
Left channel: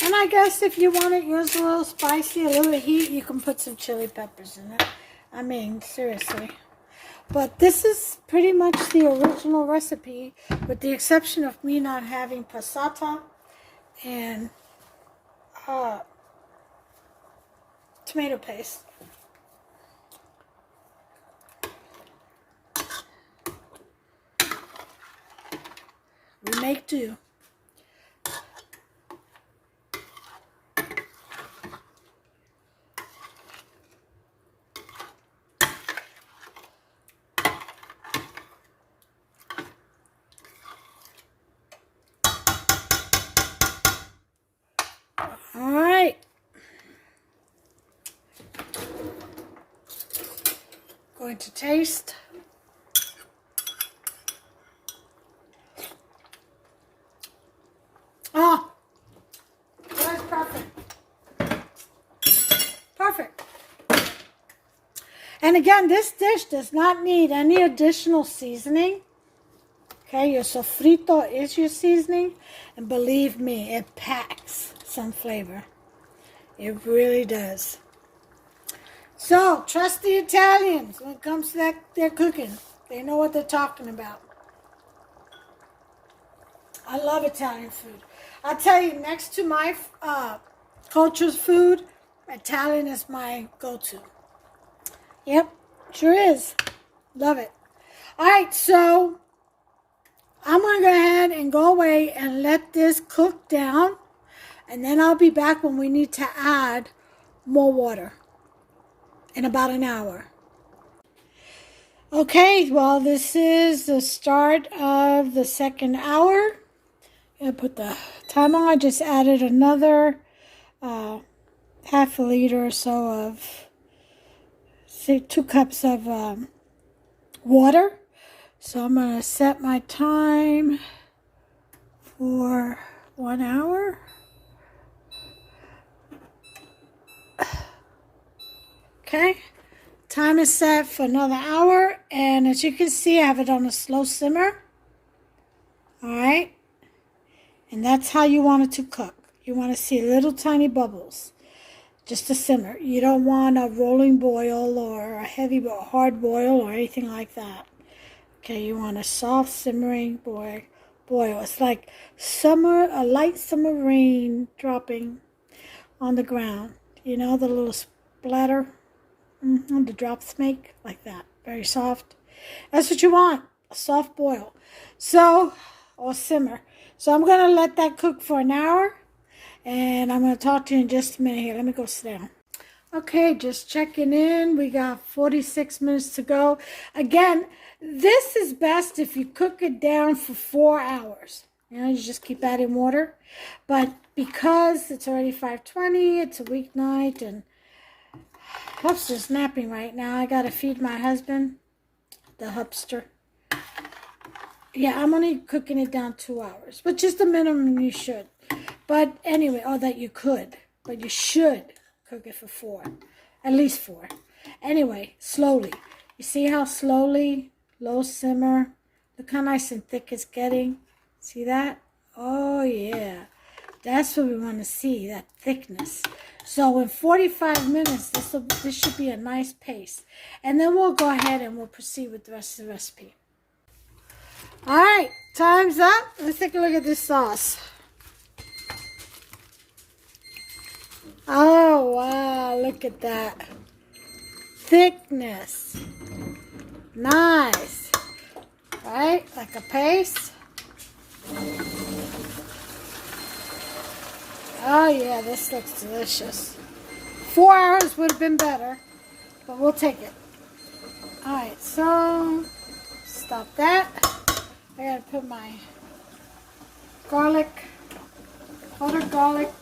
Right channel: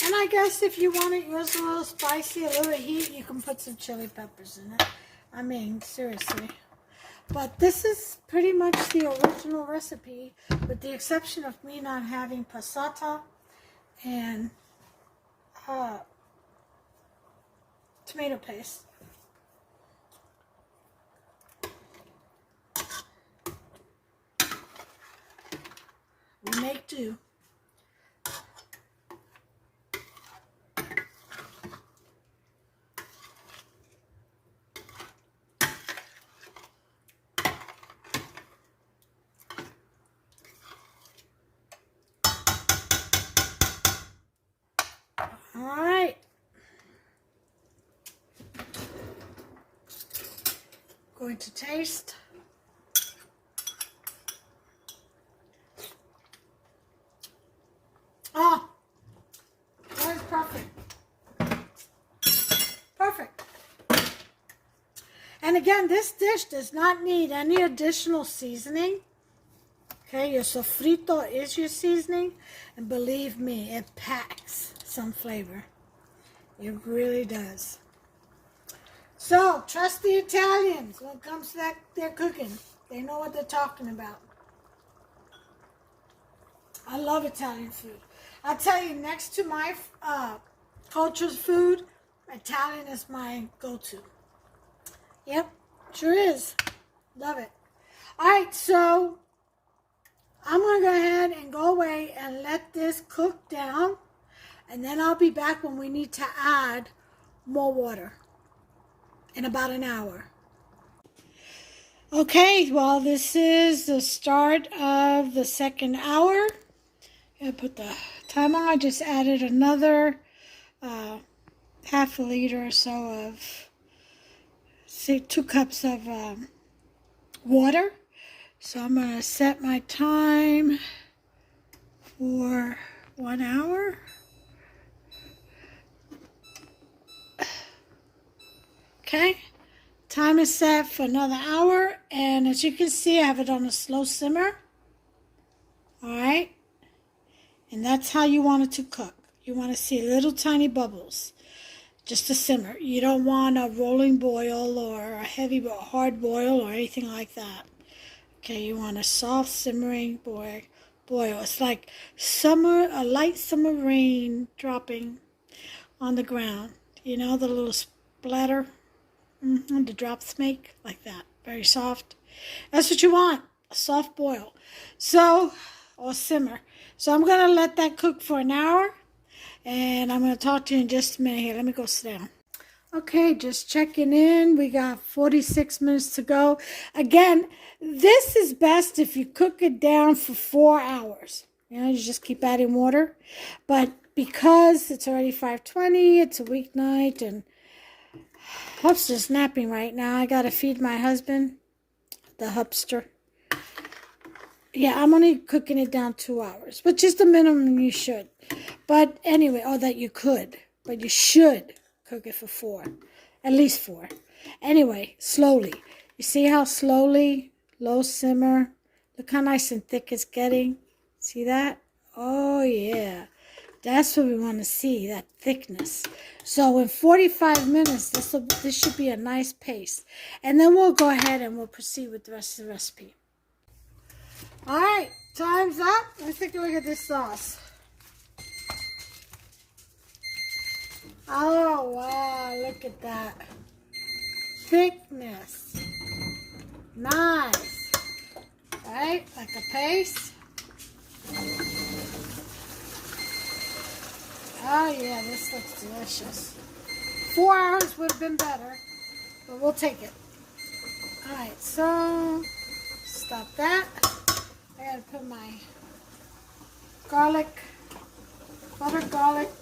And I guess if you want it yours a little spicy, a little heat, you can put some chili peppers in it. I mean, seriously. But this is pretty much the original recipe, with the exception of me not having passata and tomato paste. We make do. All right. Going to taste. Oh, that's perfect. Perfect. And again, this dish does not need any additional seasoning. Okay, your sofrito is your seasoning. And believe me, it packs some flavor. It really does. So, trust the Italians when it comes to their cooking. They know what they're talking about. I love Italian food. I'll tell you, next to my culture's food, Italian is my go-to. Yep, sure is. Love it. All right, so I'm going to go ahead and go away and let this cook down. And then I'll be back when we need to add more water in about an hour. Okay, well, this is the start of the second hour. I put the timer on. I just added another half a liter or so of, say, 2 cups of water. So I'm going to set my time for 1 hour. Okay, time is set for another hour, and as you can see, I have it on a slow simmer. All right, and that's how you want it to cook. You want to see little tiny bubbles, just a simmer. You don't want a rolling boil or a heavy hard boil or anything like that. Okay, you want a soft simmering boil. It's like a light summer rain dropping on the ground. You know, the little splatter. The drops make like that, very soft. That's what you want, a soft boil. So, or simmer. So I'm going to let that cook for an hour, and I'm going to talk to you in just a minute here. Let me go sit down. Okay, just checking in. We got 46 minutes to go. Again, this is best if you cook it down for 4 hours. You know, you just keep adding water. But because it's already 5:20, it's a weeknight, and Hupster's napping right now. I gotta feed my husband, the Hupster. Yeah, I'm only cooking it down 2 hours, which is the minimum you should. But anyway, that you could. But you should cook it for 4. At least 4. Anyway, slowly. You see how slowly, low simmer. Look how nice and thick it's getting. See that? Oh, yeah. That's what we want to see, that thickness. So in 45 minutes, this should be a nice paste. And then we'll go ahead and we'll proceed with the rest of the recipe. All right, time's up. Let's take a look at this sauce. Oh, wow, look at that. Thickness. Nice. All right, like a paste. Oh, yeah, this looks delicious. 4 hours would have been better, but we'll take it. All right, so stop that. I got to put my butter, garlic,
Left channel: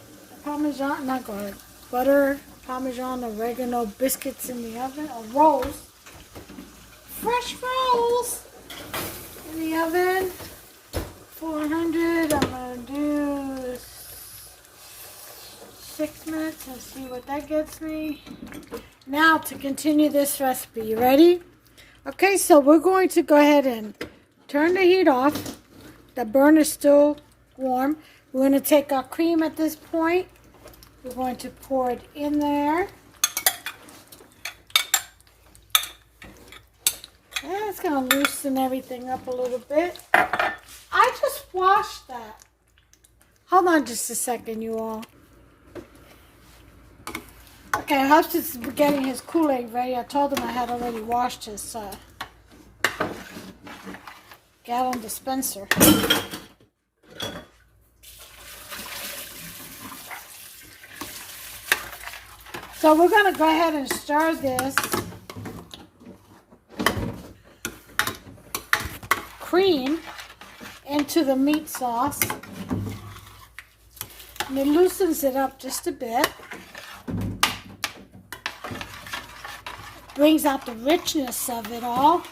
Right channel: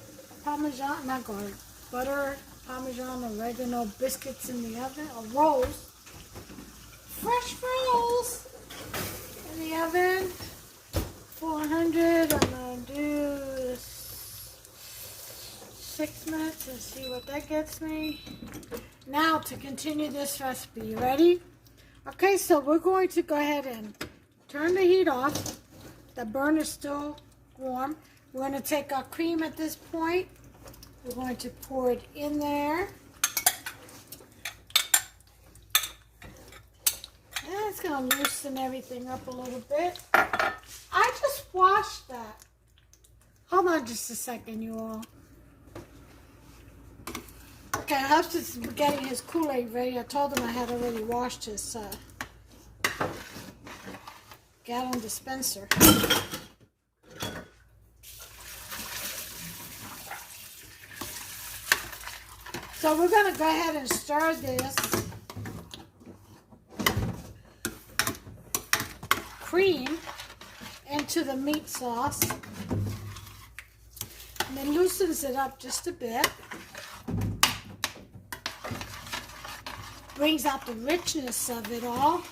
parmesan, not garlic, butter, parmesan, oregano biscuits in the oven, or rolls. Fresh rolls in the oven. 400, I'm going to do Let's see what that gets me. Now to continue this recipe. You ready? Okay, so we're going to go ahead and turn the heat off. The burner is still warm. We're going to take our cream at this point. We're going to pour it in there. And it's going to loosen everything up a little bit. I just washed that. Hold on just a second, you all. Okay, Husband's getting his Kool-Aid ready. I told him I had already washed his gallon dispenser. So we're going to go ahead and stir this cream into the meat sauce. And it loosens it up just a bit. Brings out the richness of it all.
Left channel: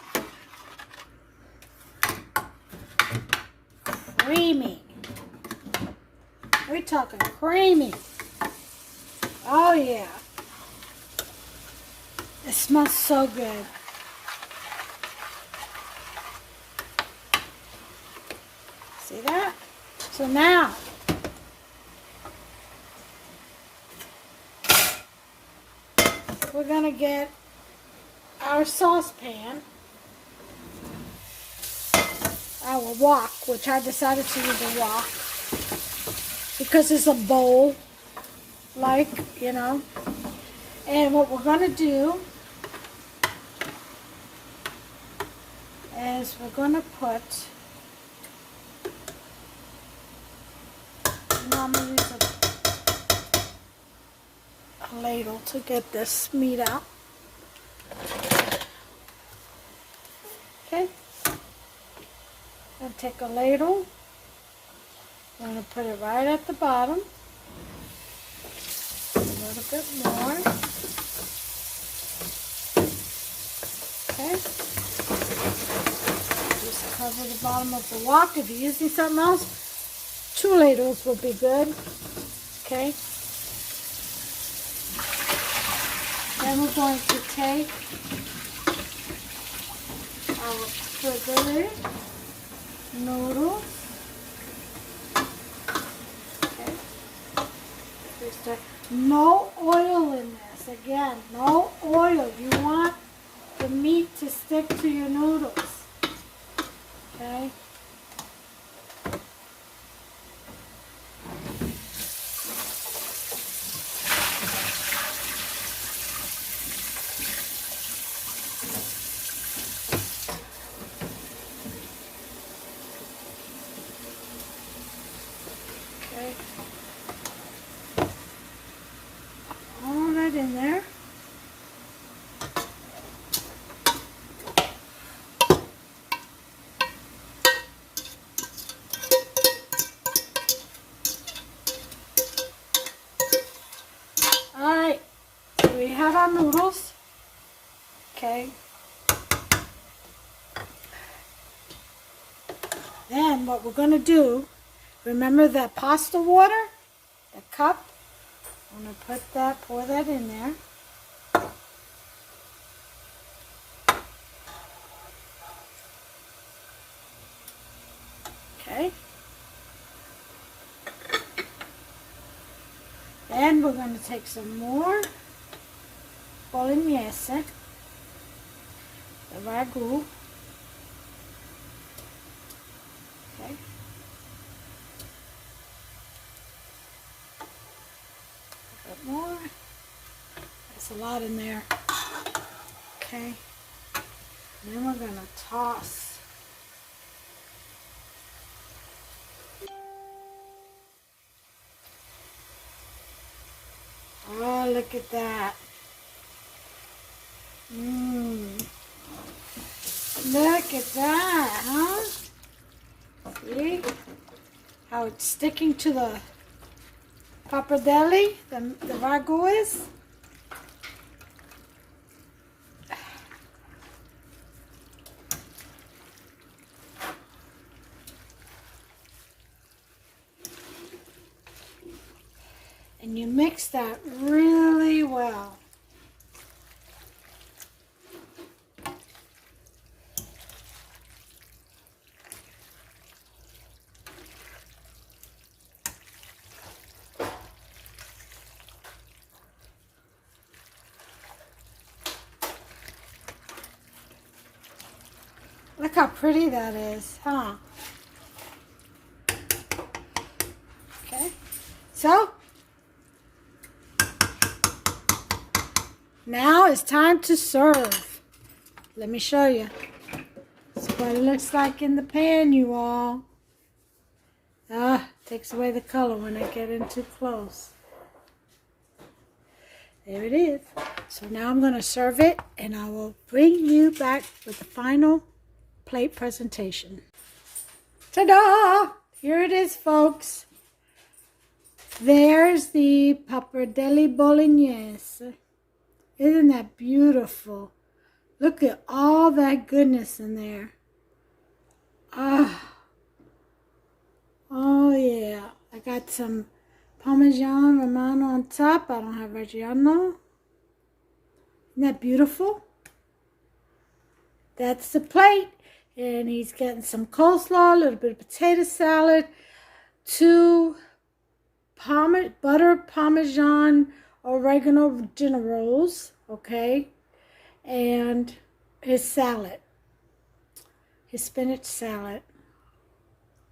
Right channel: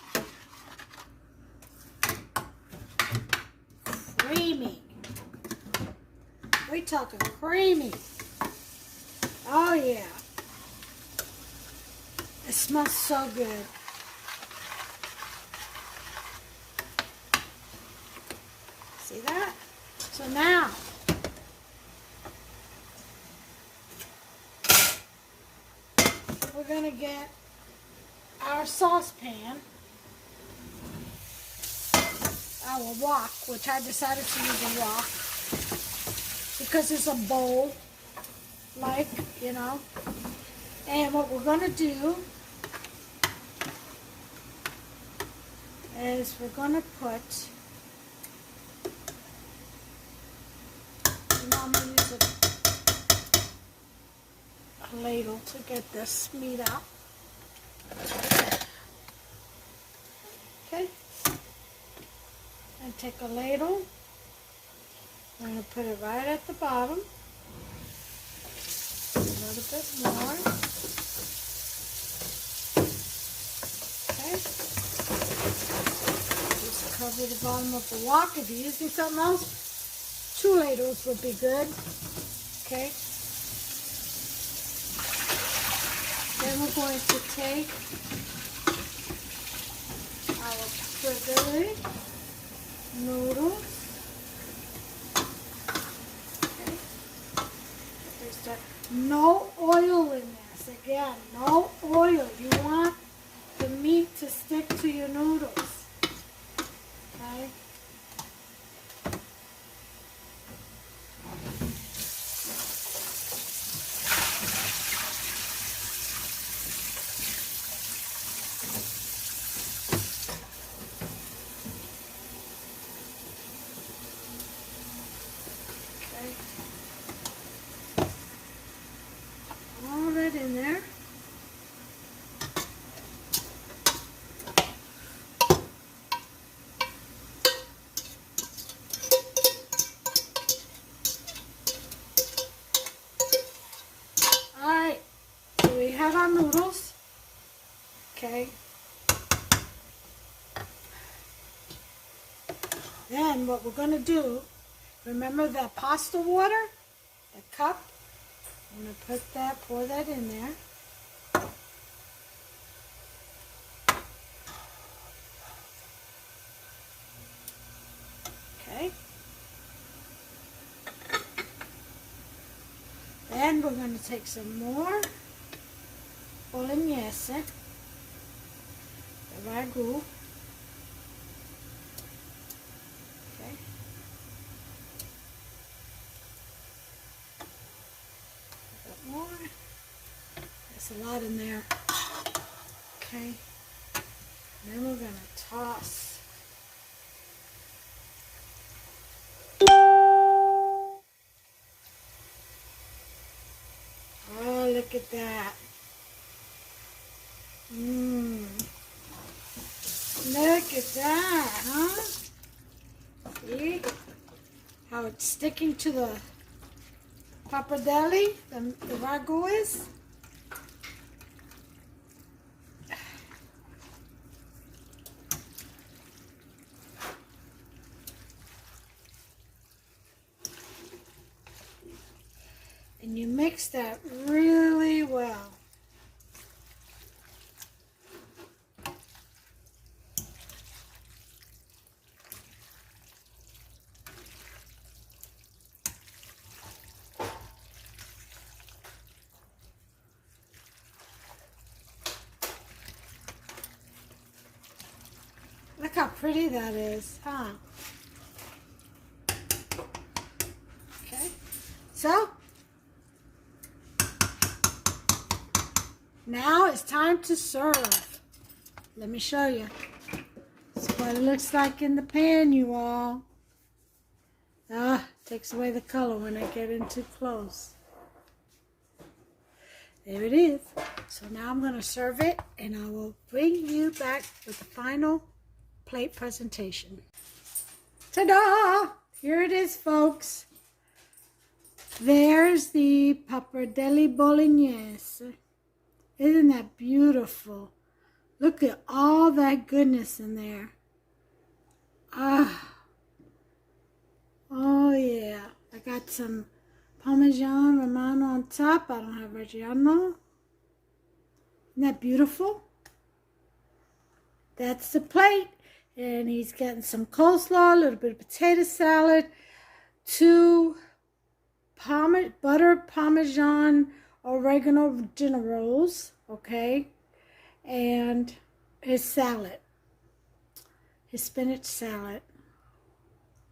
Creamy. We're talking creamy. Oh yeah. It smells so good. See that? So now, we're going to get our saucepan, our wok, which I decided to use a wok because it's a bowl, like, you know. And what we're going to do is we're going to put, I'm going to use a ladle to get this meat out. Okay. I'm going to take a ladle. I'm going to put it right at the bottom. A little bit more. Okay. Just cover the bottom of the wok. If you're using something else, 2 ladles would be good. Okay. Then we're going to take our pappardelle noodles. Okay. No oil in this. Again, no oil. You want the meat to stick to your noodles. Okay. All that in there. All right, so we have our noodles. Okay. Then what we're going to do, remember that pasta water, the cup? I'm going to put that, pour that in there. Okay. Then we're going to take some more Bolognese, the Ragu. Okay. More. There's a lot in there. Okay. And then we're going to toss. Oh, look at that. Look at that, huh? See how it's sticking to the Pappardelle, the Ragu is. And you mix that really well. Look how pretty that is, huh? Okay, so now it's time to serve. Let me show you. This is what it looks like in the pan, you all. Takes away the color when I get in too close. There it is. So now I'm going to serve it, and I will bring you back with the final plate presentation. Ta-da! Here it is, folks. There's the Pappardelle Bolognese. Isn't that beautiful? Look at all that goodness in there. Oh yeah. I got some Parmesan Romano on top. I don't have Reggiano. Isn't that beautiful? That's the plate. And he's getting some coleslaw, a little bit of potato salad, 2 butter Parmesan oregano dinner rolls, okay, and his salad, his spinach salad.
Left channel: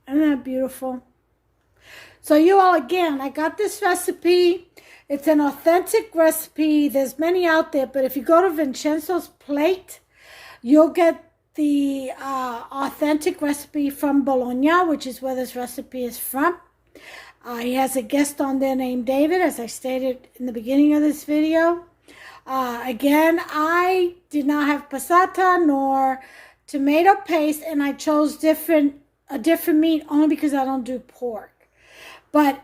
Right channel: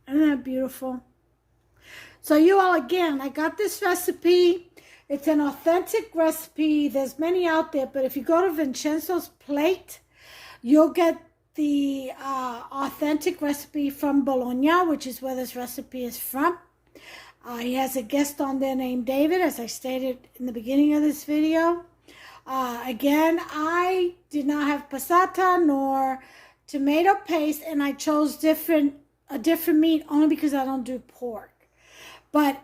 Isn't that beautiful? So you all, again, I got this recipe. It's an authentic recipe. There's many out there, but if you go to Vincenzo's Plate, you'll get the authentic recipe from Bologna, which is where this recipe is from. He has a guest on there named David, as I stated in the beginning of this video. Again, I did not have passata nor tomato paste, and I chose a different meat only because I don't do pork. But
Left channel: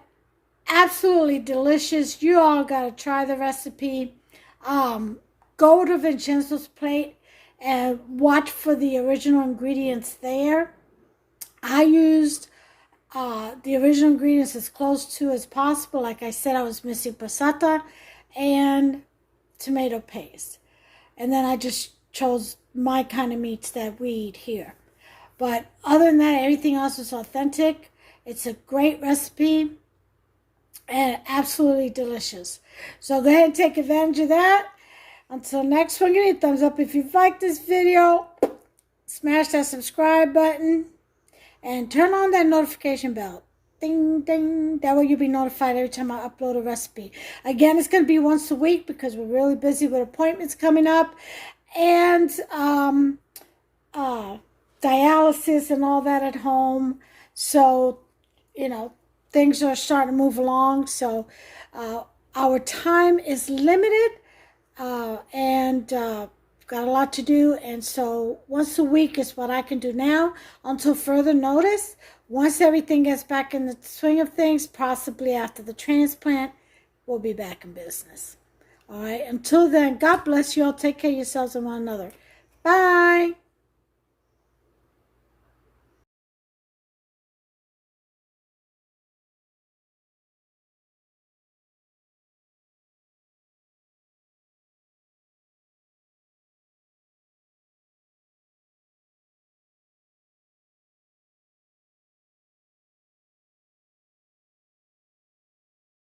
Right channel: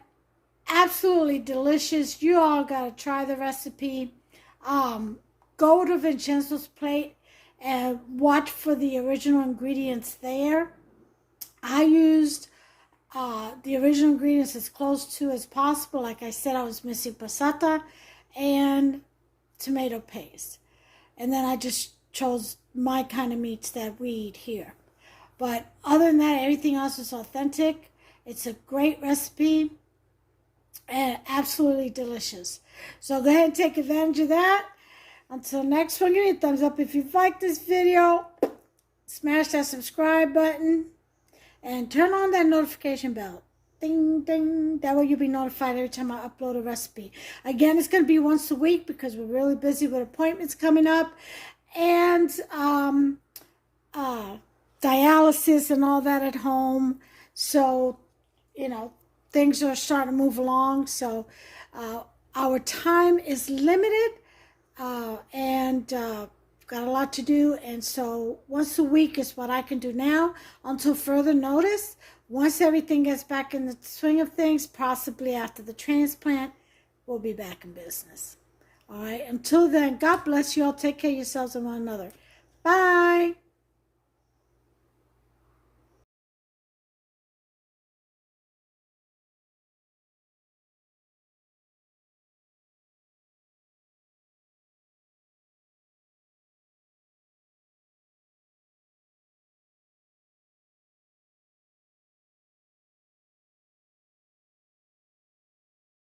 absolutely delicious. You all got to try the recipe. Go to Vincenzo's Plate and watch for the original ingredients there. I used the original ingredients as close to as possible. Like I said, I was missing passata and tomato paste. And then I just chose my kind of meats that we eat here. But other than that, everything else is authentic. It's a great recipe and absolutely delicious. So go ahead and take advantage of that. Until next one, give me a thumbs up if you've liked this video. Smash that subscribe button and turn on that notification bell. Ding, ding. That way you'll be notified every time I upload a recipe. Again, it's going to be once a week because we're really busy with appointments coming up and dialysis and all that at home. So, you know, things are starting to move along. So our time is limited. And got a lot to do, and so once a week is what I can do now until further notice. Once everything gets back in the swing of things, possibly after the transplant, we'll be back in business. All right, until then, God bless you all. Take care of yourselves and one another. Bye.